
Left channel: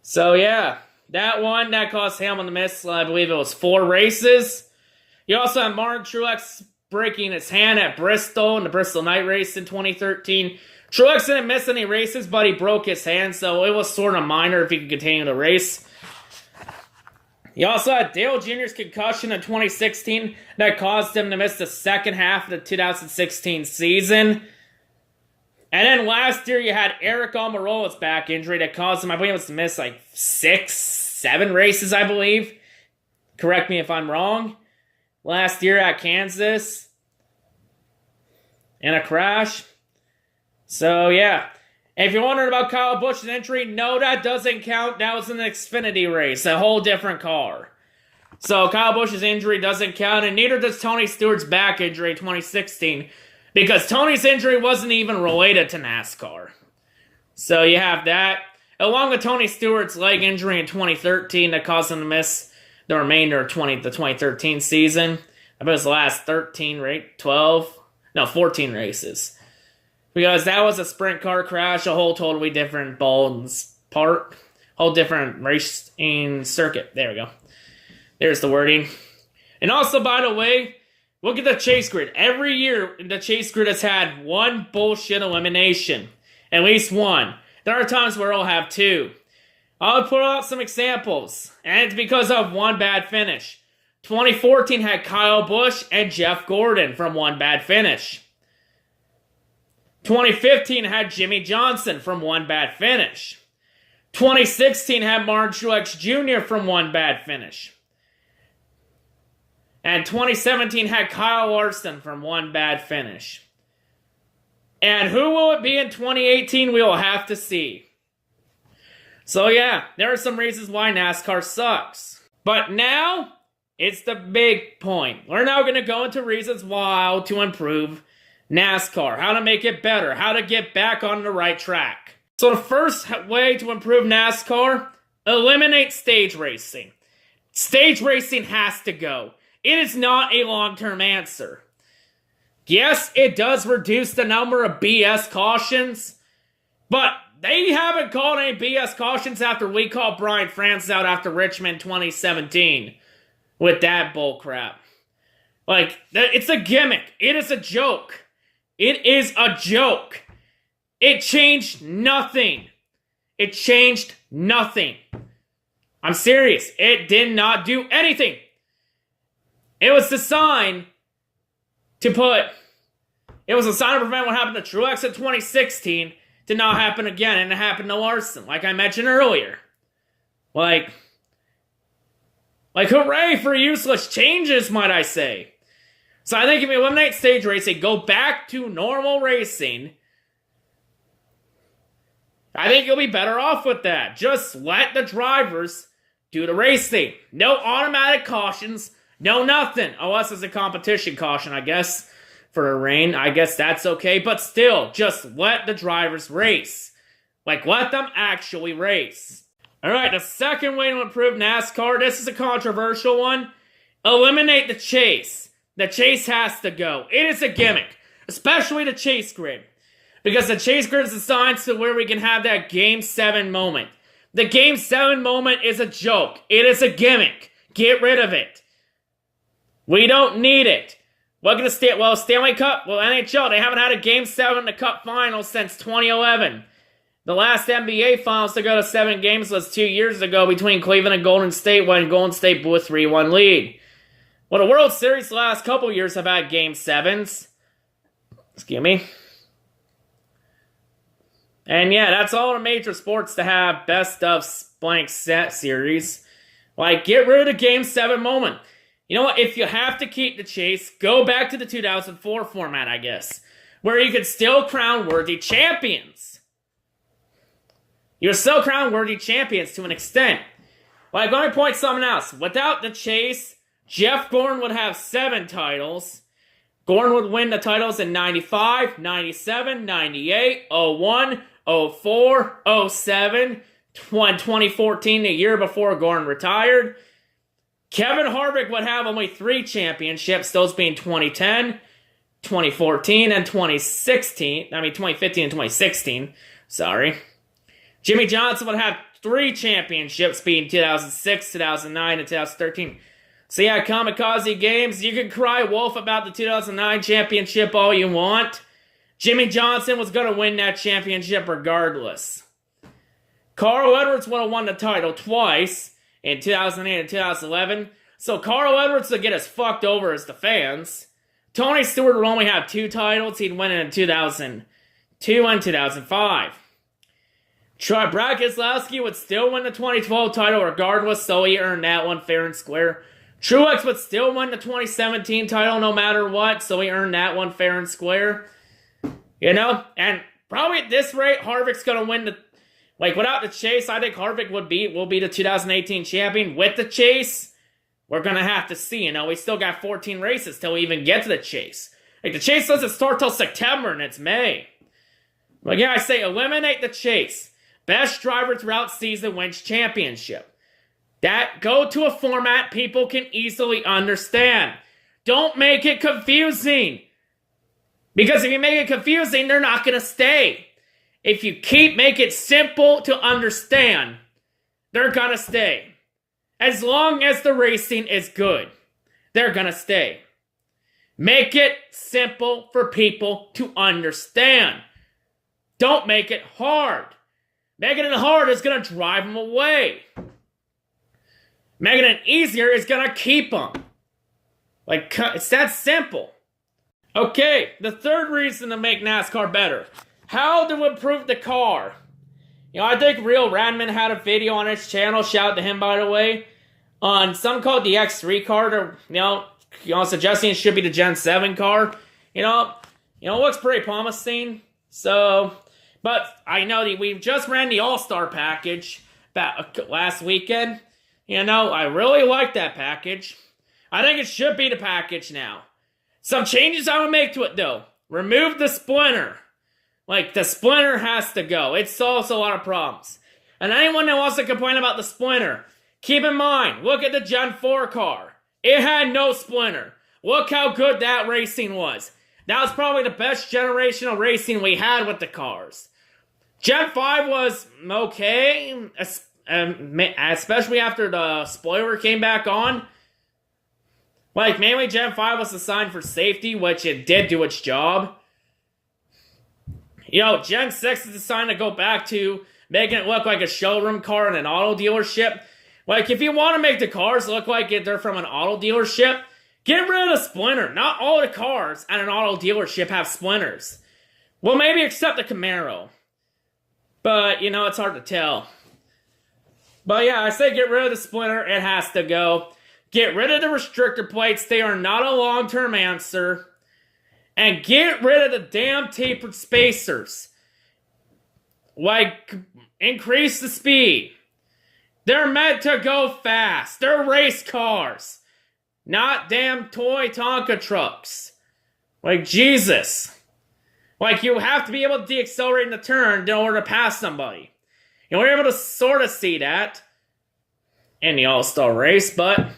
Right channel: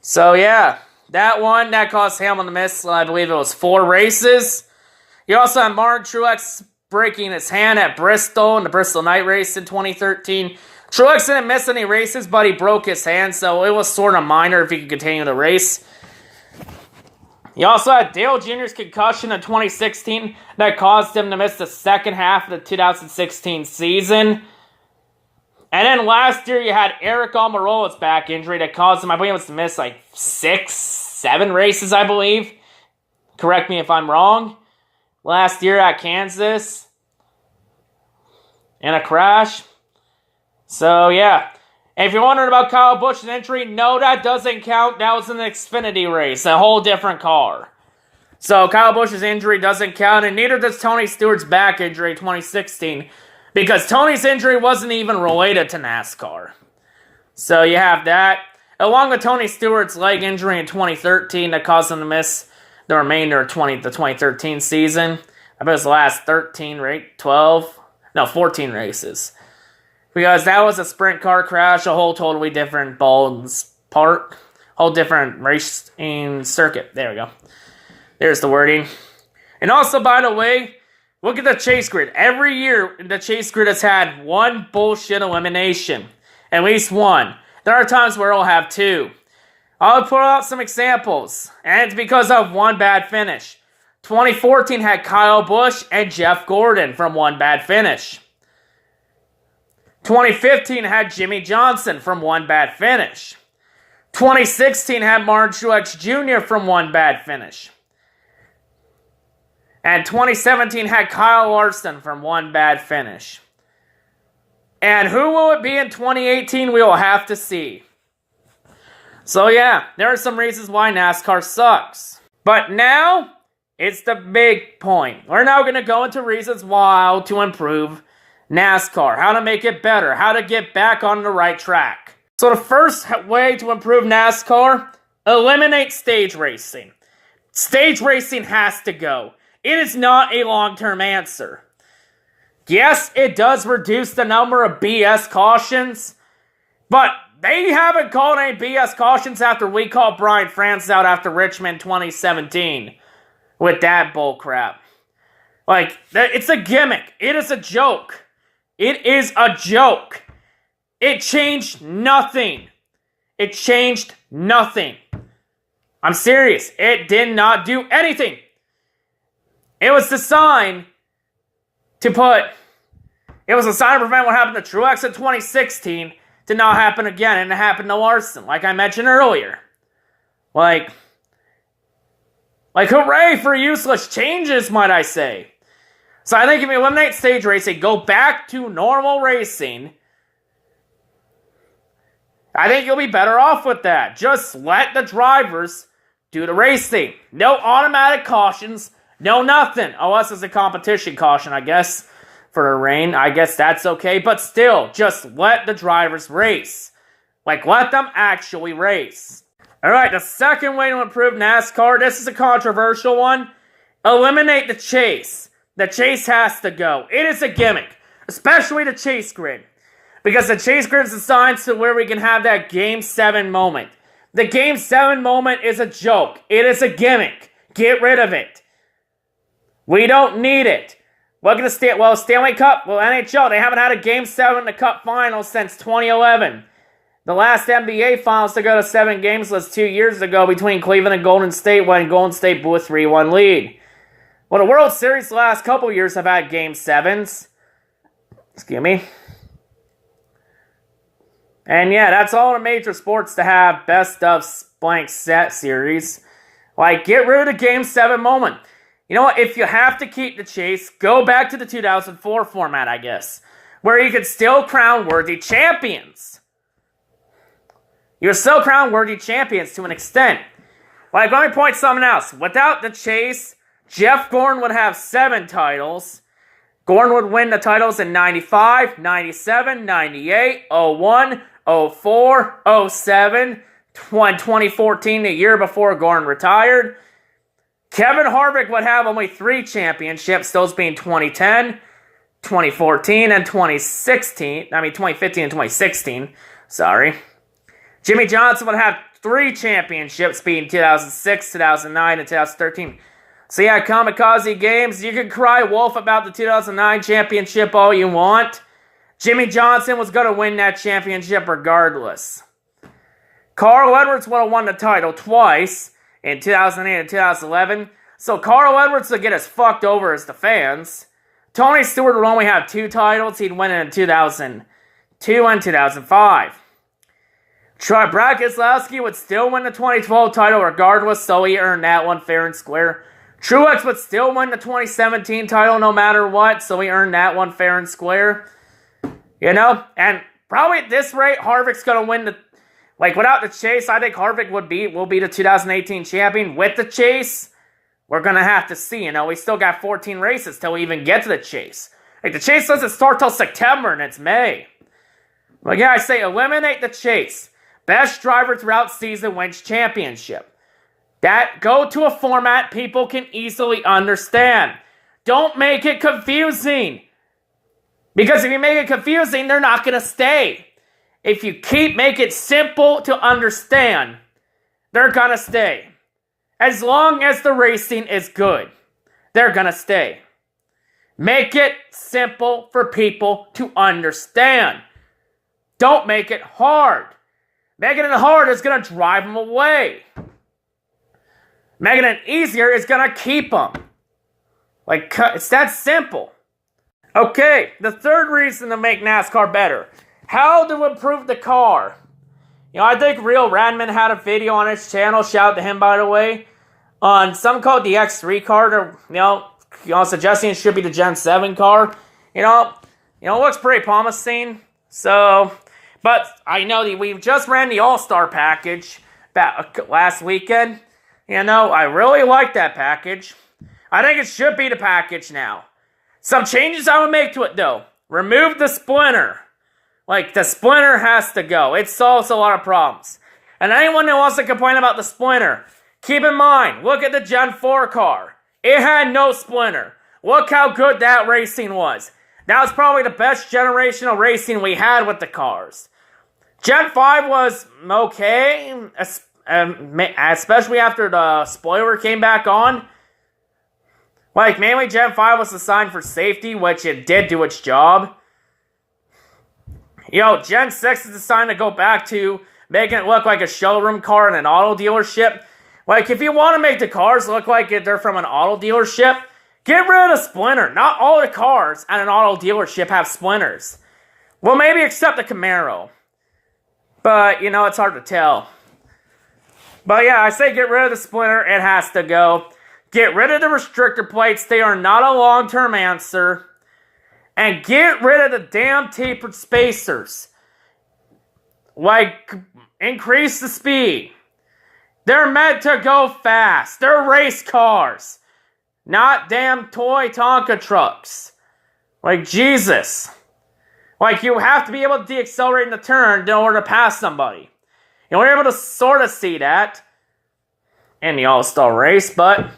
So, yeah, that caused Hamlin to miss, I believe it was 4 races. You also had Martin Truex breaking his hand at Bristol in the Bristol Night Race in 2013. Truex didn't miss any races, but he broke his hand, so it was sort of minor if he could continue the race. You also had Dale Jr.'s concussion in 2016 that caused him to miss the second half of the 2016 season. And then last year you had Eric Almirola's back injury that caused him, I believe it was to miss like 6, 7 races, I believe. Correct me if I'm wrong. Last year at Kansas. In a crash. So, yeah. And if you're wondering about Kyle Busch's injury, no, that doesn't count. That was an Xfinity race. A whole different car. So, Kyle Busch's injury doesn't count. And neither does Tony Stewart's back injury in 2016. Because Tony's injury wasn't even related to NASCAR. So, you have that. Along with Tony Stewart's leg injury in 2013 that caused him to miss the remainder of the 2013 season. I bet it was the last 14 races. Because that was a sprint car crash, a whole totally different ballpark, whole different racing circuit. There we go. There's the wording. And also, by the way, look at the chase grid. Every year, the chase grid has had 1 bullshit elimination. At least 1. There are times where it'll have 2. I'll put out some examples, and it's because of 1 bad finish. 2014 had Kyle Busch and Jeff Gordon from 1 bad finish. 2015 had Jimmy Johnson from 1 bad finish. 2016 had Martin Truex Jr. from one bad finish. And 2017 had Kyle Larson from one bad finish. And who will it be in 2018? We will have to see. So yeah, there are some reasons why NASCAR sucks. But now, it's the big point. We're now going to go into reasons why to improve NASCAR. How to make it better. How to get back on the right track. So the first way to improve NASCAR, eliminate stage racing. Stage racing has to go. It is not a long-term answer. Yes, it does reduce the number of BS cautions, but they haven't called any BS cautions after we called Brian France out after Richmond 2017 with that bullcrap. Like, it's a gimmick. It is a joke. It is a joke. It changed nothing. It changed nothing. I'm serious. It did not do anything. It was designed to prevent what happened to Truex in 2016 to not happen again, and it happened to Larson, like I mentioned earlier. Like hooray for useless changes, might I say. So I think if you eliminate stage racing, go back to normal racing, I think you'll be better off with that. Just let the drivers do the racing. No automatic cautions, no nothing. Unless it's a competition caution, I guess, for the rain. I guess that's okay, but still, just let the drivers race. Like, let them actually race. Alright, the second way to improve NASCAR, this is a controversial one. Eliminate the chase. The chase has to go. It is a gimmick, especially the chase grid. Because the chase grid is designed to where we can have that Game 7 moment. The Game 7 moment is a joke. It is a gimmick. Get rid of it. We don't need it. We're going to Stanley Cup, NHL, they haven't had a Game 7 in the Cup Finals since 2011. The last NBA Finals to go to 7 games was 2 years ago between Cleveland and Golden State when Golden State blew a 3-1 lead. Well, the World Series the last couple years have had Game 7s. Excuse me. And yeah, that's all the major sports to have best of blank set series. Like, get rid of the Game 7 moment. You know what? If you have to keep the chase, go back to the 2004 format, I guess. Where you could still crown worthy champions. You're still crown worthy champions to an extent. Like, let me point something else. Without the chase, Jeff Gordon would have 7 titles. Gordon would win the titles in 95, 97, 98, 01, 04, 07, 2014, the year before Gordon retired. Kevin Harvick would have only 3 championships, those being 2010, 2014, and 2015 and 2016. Sorry. Jimmy Johnson would have 3 championships, being 2006, 2009, and 2013. So yeah, Kamikaze Games, you can cry wolf about the 2009 championship all you want. Jimmy Johnson was going to win that championship regardless. Carl Edwards would have won the title twice in 2008 and 2011. So Carl Edwards would get as fucked over as the fans. Tony Stewart would only have 2 titles. He'd win it in 2002 and 2005. Brad Keselowski would still win the 2012 title regardless, so he earned that one fair and square. Truex would still win the 2017 title no matter what, so he earned that one fair and square. You know? And probably at this rate, Harvick's going to win the... Like, without the chase, I think Harvick will be the 2018 champion. With the chase, we're going to have to see. You know, we still got 14 races till we even get to the chase. Like, the chase doesn't start till September, and it's May. But yeah, I say eliminate the chase. Best driver throughout season wins championship. Go to a format people can easily understand. Don't make it confusing. Because if you make it confusing, they're not going to stay. If you make it simple to understand, they're going to stay. As long as the racing is good, they're going to stay. Make it simple for people to understand. Don't make it hard. Making it hard is going to drive them away. Making it easier is going to keep them. Like, it's that simple. Okay, the third reason to make NASCAR better. How to improve the car. I think Real Radman had a video on his channel, shout out to him by the way, on something called the X3 car, or, suggesting it should be the Gen 7 car. It looks pretty promising. So, but I know that we just ran the All-Star package last weekend. I really like that package. I think it should be the package now. Some changes I would make to it though. Remove the splinter. The splinter has to go. It solves a lot of problems. And anyone that wants to complain about the splinter, keep in mind, look at the Gen 4 car. It had no splinter. Look how good that racing was. That was probably the best generational racing we had with the cars. Gen 5 was okay, especially after the spoiler came back on. Mainly Gen 5 was designed for safety, which it did do its job. Gen 6 is designed to go back to making it look like a showroom car in an auto dealership. If you want to make the cars look like they're from an auto dealership, get rid of the splinter. Not all the cars at an auto dealership have splinters. Well, maybe except the Camaro. But, it's hard to tell. But yeah, I say get rid of the splinter. It has to go. Get rid of the restrictor plates. They are not a long-term answer. And get rid of the damn tapered spacers. Increase the speed. They're meant to go fast. They're race cars. Not damn toy Tonka trucks. Jesus. You have to be able to deaccelerate in the turn in order to pass somebody. We're able to sort of see that in the All-Star race, but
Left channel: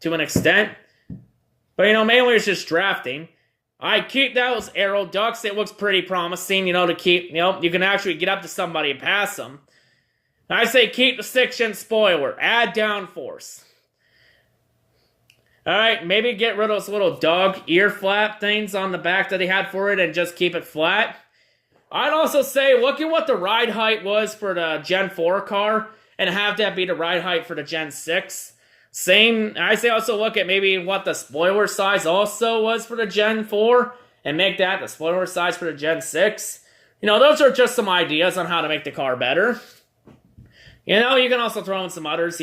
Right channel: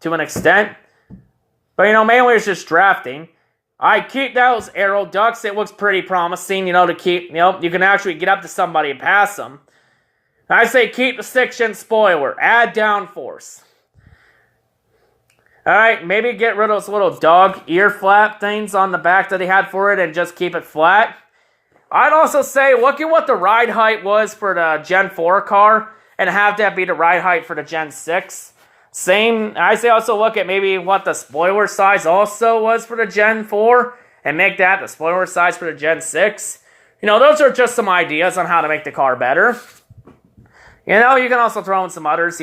to an extent. But, mainly it's just drafting. I keep those aero ducts. It looks pretty promising, to keep, you can actually get up to somebody and pass them. I say keep the 6-inch spoiler. Add downforce. Alright, maybe get rid of those little dog ear flap things on the back that they had for it and just keep it flat. I'd also say look at what the ride height was for the Gen 4 car and have that be the ride height for the Gen 6. I say also look at maybe what the spoiler size also was for the Gen 4 and make that the spoiler size for the Gen 6. Those are just some ideas on how to make the car better. You can also throw in some others,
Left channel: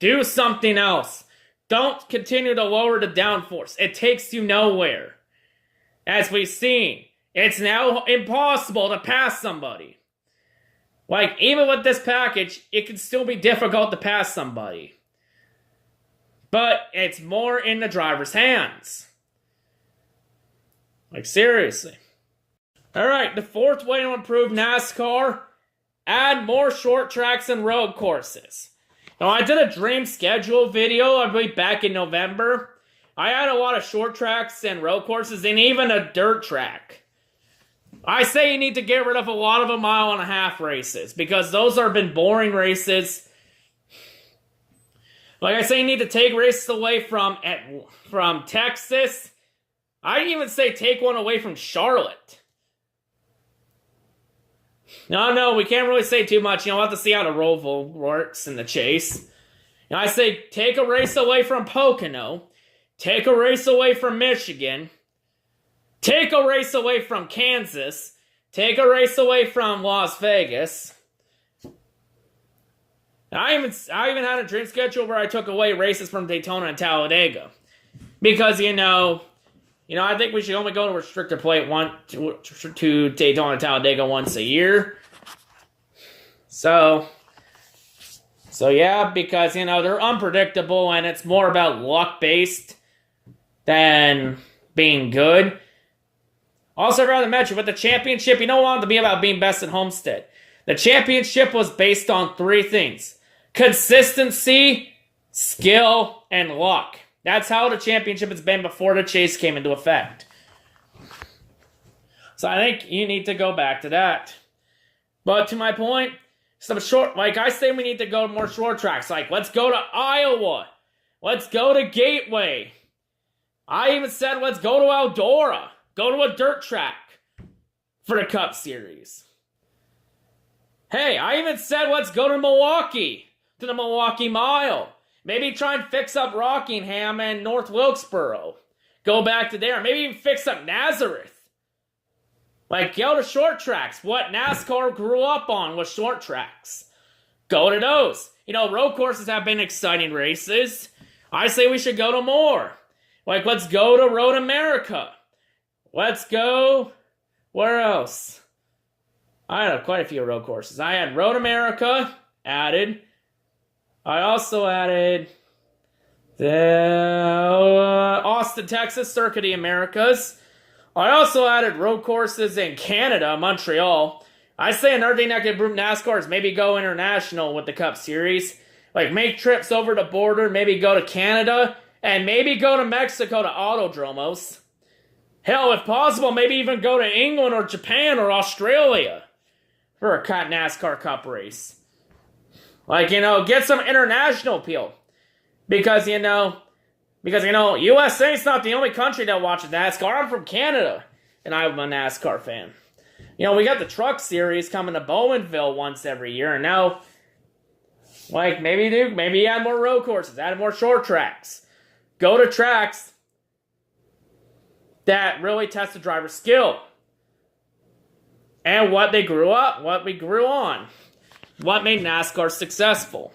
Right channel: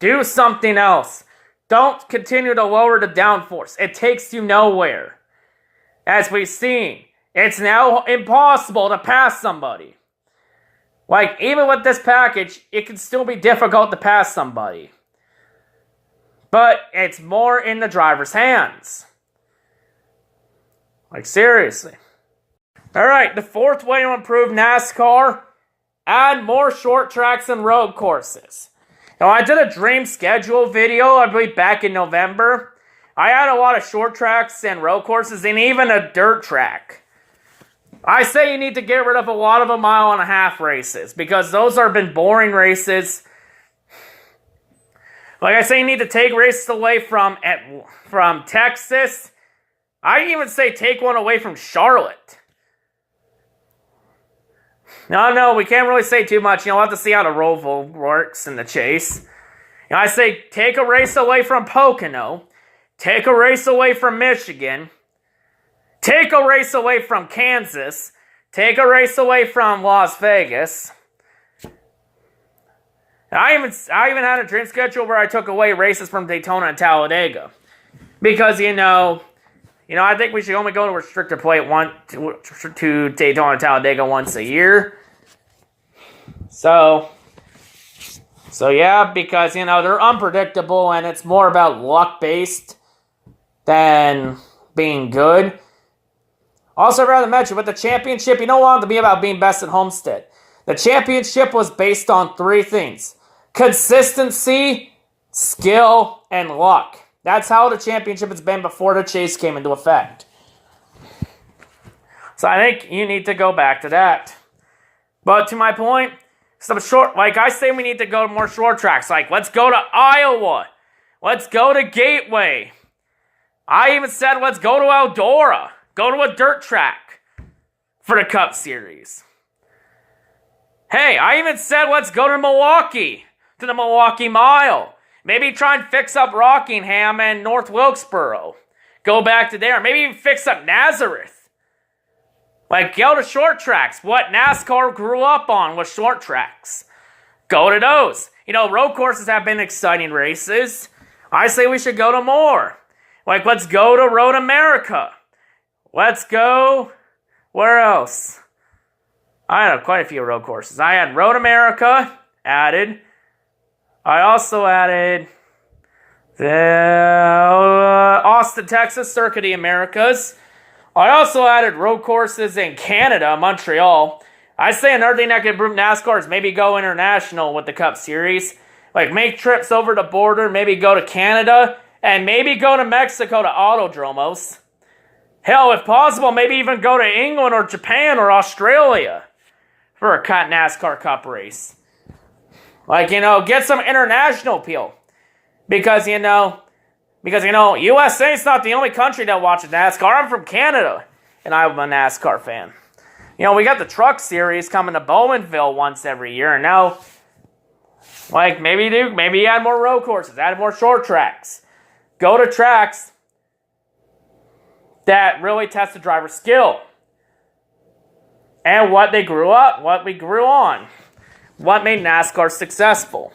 do something else. Don't continue to lower the downforce. It takes you nowhere. As we've seen, it's now impossible to pass somebody. Even with this package, it can still be difficult to pass somebody. But it's more in the driver's hands. Seriously. Alright, the fourth way to improve NASCAR, add more short tracks and road courses. I did a dream schedule video, I believe back in November. I had a lot of short tracks and road courses and even a dirt track. I say you need to get rid of a lot of 1.5 mile races because those have been boring races. I say you need to take races away from Texas. I'd even say take one away from Charlotte. No, we can't really say too much. We'll have to see how the Roval works in the chase. I say take a race away from Pocono. Take a race away from Michigan. Take a race away from Kansas. Take a race away from Las Vegas. I even had a dream schedule where I took away races from Daytona and Talladega. Because, I think we should only go to restrictor plate to Daytona and Talladega once a year. So yeah, because, they're unpredictable and it's more about luck-based than being good. Also, rather mention, with the championship, you don't want it to be about being best at Homestead. The championship was based on 3 things. Consistency, skill, and luck. That's how the championship has been before the chase came into effect. So I think you need to go back to that. But to my point, some short, I say we need to go to more short tracks. Let's go to Iowa. Let's go to Gateway. I even said let's go to Eldora. Go to a dirt track for the Cup Series. Hey, I even said let's go to Milwaukee, to the Milwaukee Mile. Maybe try and fix up Rockingham and North Wilkesboro. Go back to there. Maybe even fix up Nazareth. Like, go to short tracks. What NASCAR grew up on was short tracks. Go to those. You know, road courses have been exciting races. I say we should go to more. Like, let's go to Road America. Let's go... Where else? I had quite a few road courses. I had Road America added. I also added the Austin, Texas, Circuit of the Americas. I also added road courses in Canada, Montreal. I say another thing that could improve NASCAR is maybe go international with the Cup Series. Like, make trips over the border, maybe go to Canada, and maybe go to Mexico to Autodromos. Hell, if possible, maybe even go to England or Japan or Australia for a NASCAR Cup race. Like, you know, get some international appeal. Because, you know, USA is not the only country that watches NASCAR. I'm from Canada, and I'm a NASCAR fan. You know, we got the Truck Series coming to Bowmanville once every year, and now, like, maybe add more road courses, add more short tracks. Go to tracks that really test the driver's skill. And what they grew up, what we grew on. What made NASCAR successful.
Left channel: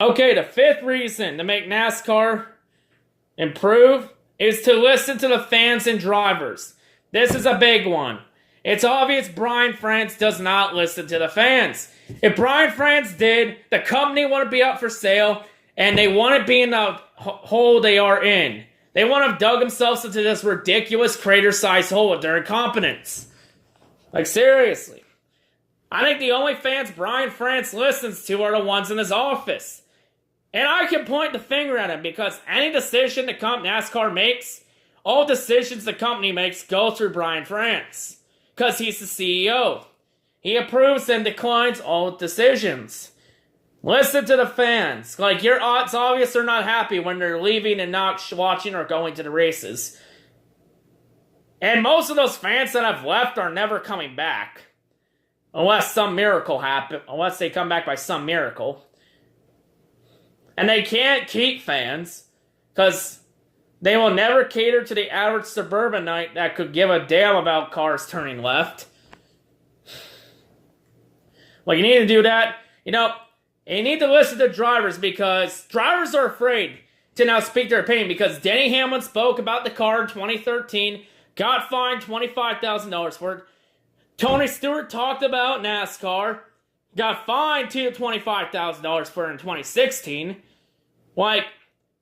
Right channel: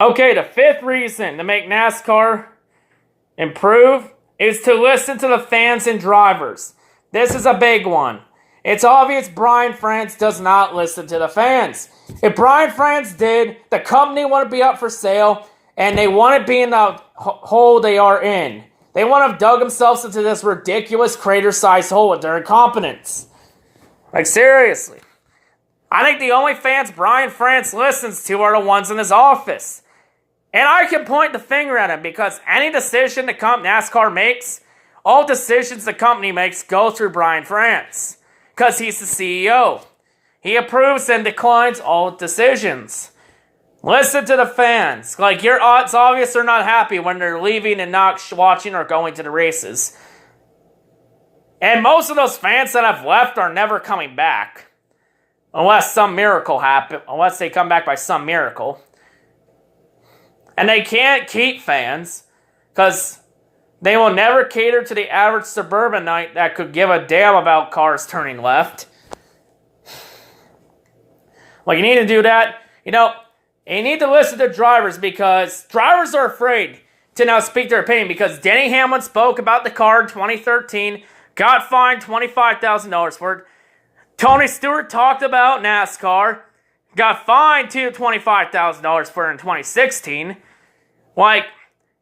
Okay, the fifth reason to make NASCAR improve is to listen to the fans and drivers. This is a big one. It's obvious Brian France does not listen to the fans. If Brian France did, the company wouldn't be up for sale, and they wouldn't be in the hole they are in. They wouldn't have dug themselves into this ridiculous crater-sized hole with their incompetence. Like, seriously. I think the only fans Brian France listens to are the ones in his office. And I can point the finger at him because any decision the NASCAR makes, all decisions the company makes go through Brian France. Because he's the CEO. He approves and declines all decisions. Listen to the fans. Like, it's obvious they're not happy when they're leaving and not watching or going to the races. And most of those fans that have left are never coming back. Unless some miracle happens. Unless they come back by some miracle. And they can't keep fans. Because they will never cater to the average suburbanite that could give a damn about cars turning left. Well, you need to do that. You know, you need to listen to drivers because drivers are afraid to now speak their opinion because Denny Hamlin spoke about the car in 2013, got fined $25,000 for it. Tony Stewart talked about NASCAR, got fined $25,000 for it in 2016. Like,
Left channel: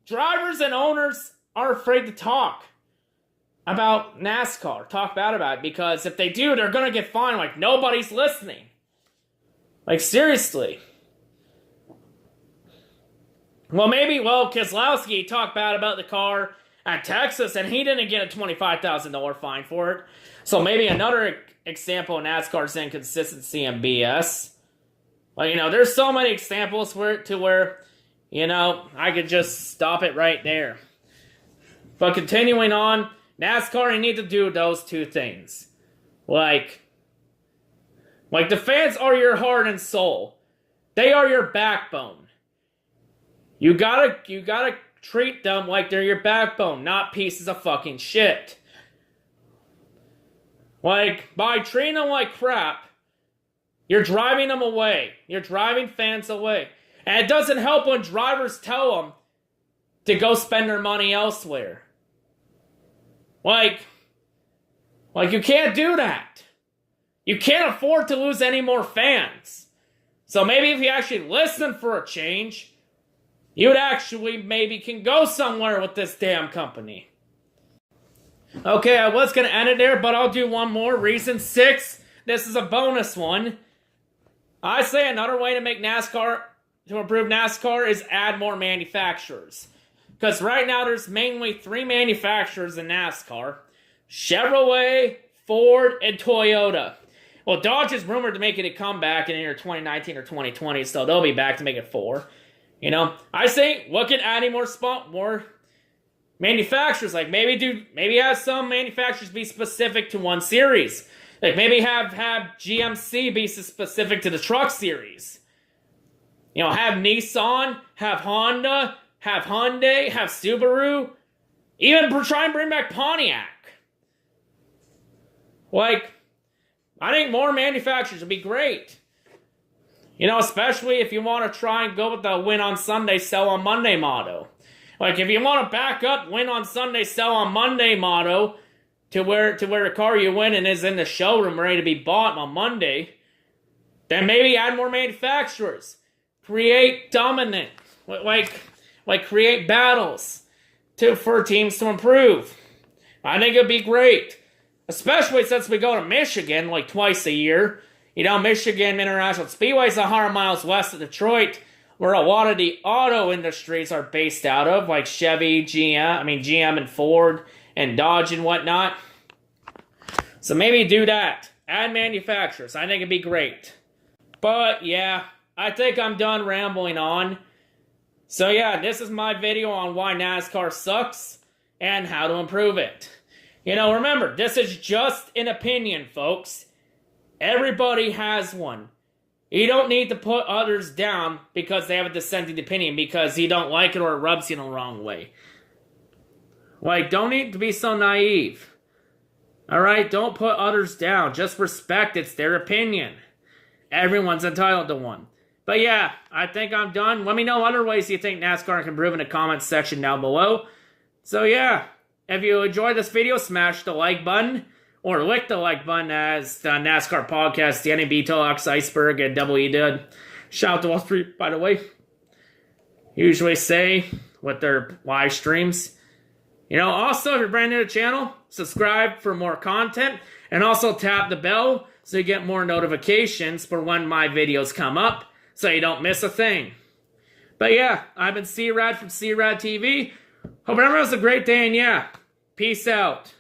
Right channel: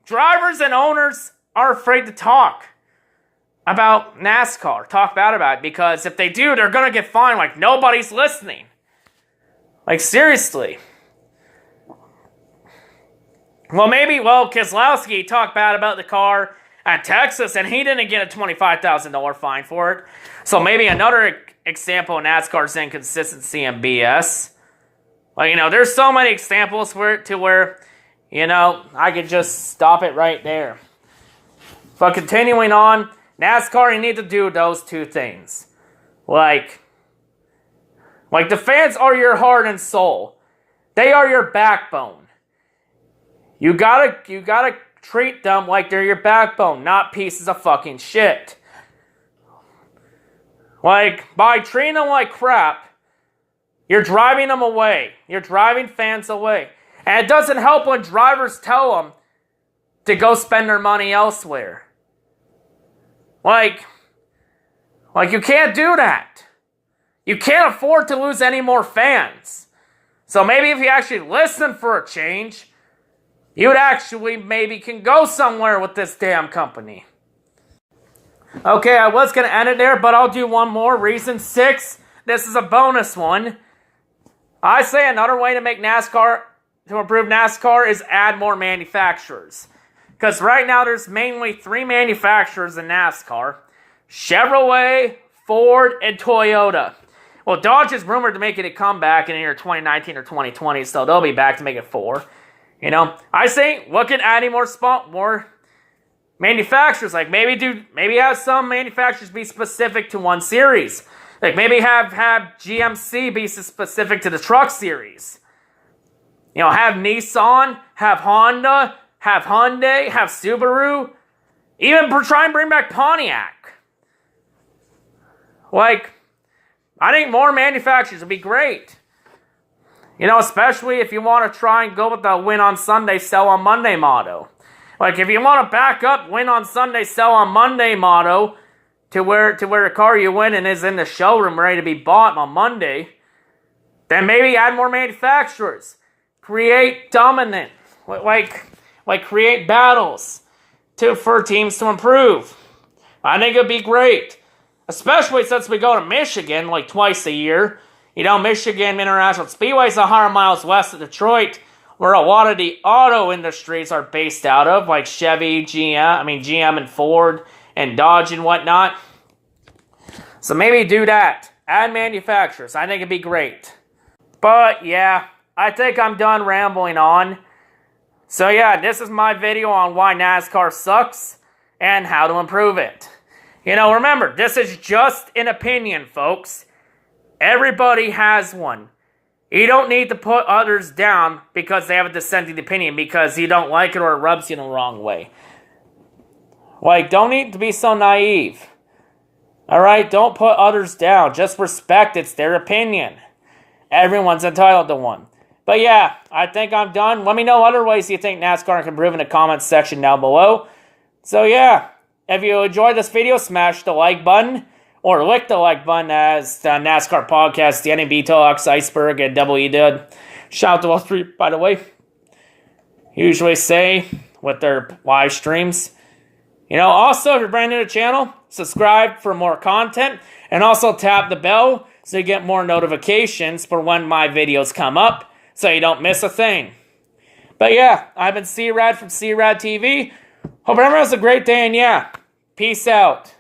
drivers and owners are afraid to talk about NASCAR, talk bad about it, because if they do, they're going to get fined like nobody's listening. Like, seriously. Well, Keselowski talked bad about the car at Texas, and he didn't get a $25,000 fine for it. So maybe another example of NASCAR's inconsistency and BS. Like, you know, there's so many examples where you know, I could just stop it right there. But continuing on, NASCAR, you need to do those two things. Like the fans are your heart and soul. They are your backbone. You gotta treat them like they're your backbone, not pieces of fucking shit. Like, by treating them like crap, you're driving them away. You're driving fans away. And it doesn't help when drivers tell them to go spend their money elsewhere. Like you can't do that. You can't afford to lose any more fans. So maybe if you actually listen for a change, you'd actually maybe can go somewhere with this damn company. Okay, I was going to end it there, but I'll do one more. Reason 6. This is a bonus one. I say another way to make NASCAR, to improve NASCAR, is add more manufacturers. Because right now there's mainly 3 manufacturers in NASCAR. Chevrolet, Ford, and Toyota. Well, Dodge is rumored to make it a comeback in either 2019 or 2020, so they'll be back to make it 4. You know, I say look at adding more manufacturers. Like maybe have some manufacturers be specific to one series. Like maybe have GMC be specific to the truck series. You know, have Nissan, have Honda, have Hyundai, have Subaru. Even try and bring back Pontiac. Like, I think more manufacturers would be great. You know, especially if you want to try and go with the win on Sunday, sell on Monday motto. Like, if you want to back up win on Sunday, sell on Monday motto to where a car you win and is in the showroom ready to be bought on Monday, then maybe add more manufacturers. Create dominant. Like create battles for teams to improve. I think it'd be great. Especially since we go to Michigan like twice a year. You know, Michigan International Speedway is 100 miles west of Detroit, where a lot of the auto industries are based out of, like Chevy, GM and Ford and Dodge and whatnot. So maybe do that. Add manufacturers. I think it'd be great. But yeah, I think I'm done rambling on. So yeah, this is my video on why NASCAR sucks and how to improve it. You know, remember, this is just an opinion, folks. Everybody has one. You don't need to put others down because they have a dissenting opinion because you don't like it or it rubs you in the wrong way. Like, don't need to be so naive. Alright, don't put others down. Just respect it's their opinion. Everyone's entitled to one. But yeah, I think I'm done. Let me know other ways you think NASCAR can improve in the comments section down below. So yeah, if you enjoyed this video, smash the like button. Or lick the like button as the NASCAR podcast, the NAB Talks, Iceberg, and WE did. Shout out to all three, by the way. Usually say with their live streams. You know, also, if you're brand new to the channel, subscribe for more content. And also tap the bell so you get more notifications for when my videos come up. So you don't miss a thing. But yeah, I've been C-Rad from C-RadTV. Hope everyone has a great day, and yeah, peace out.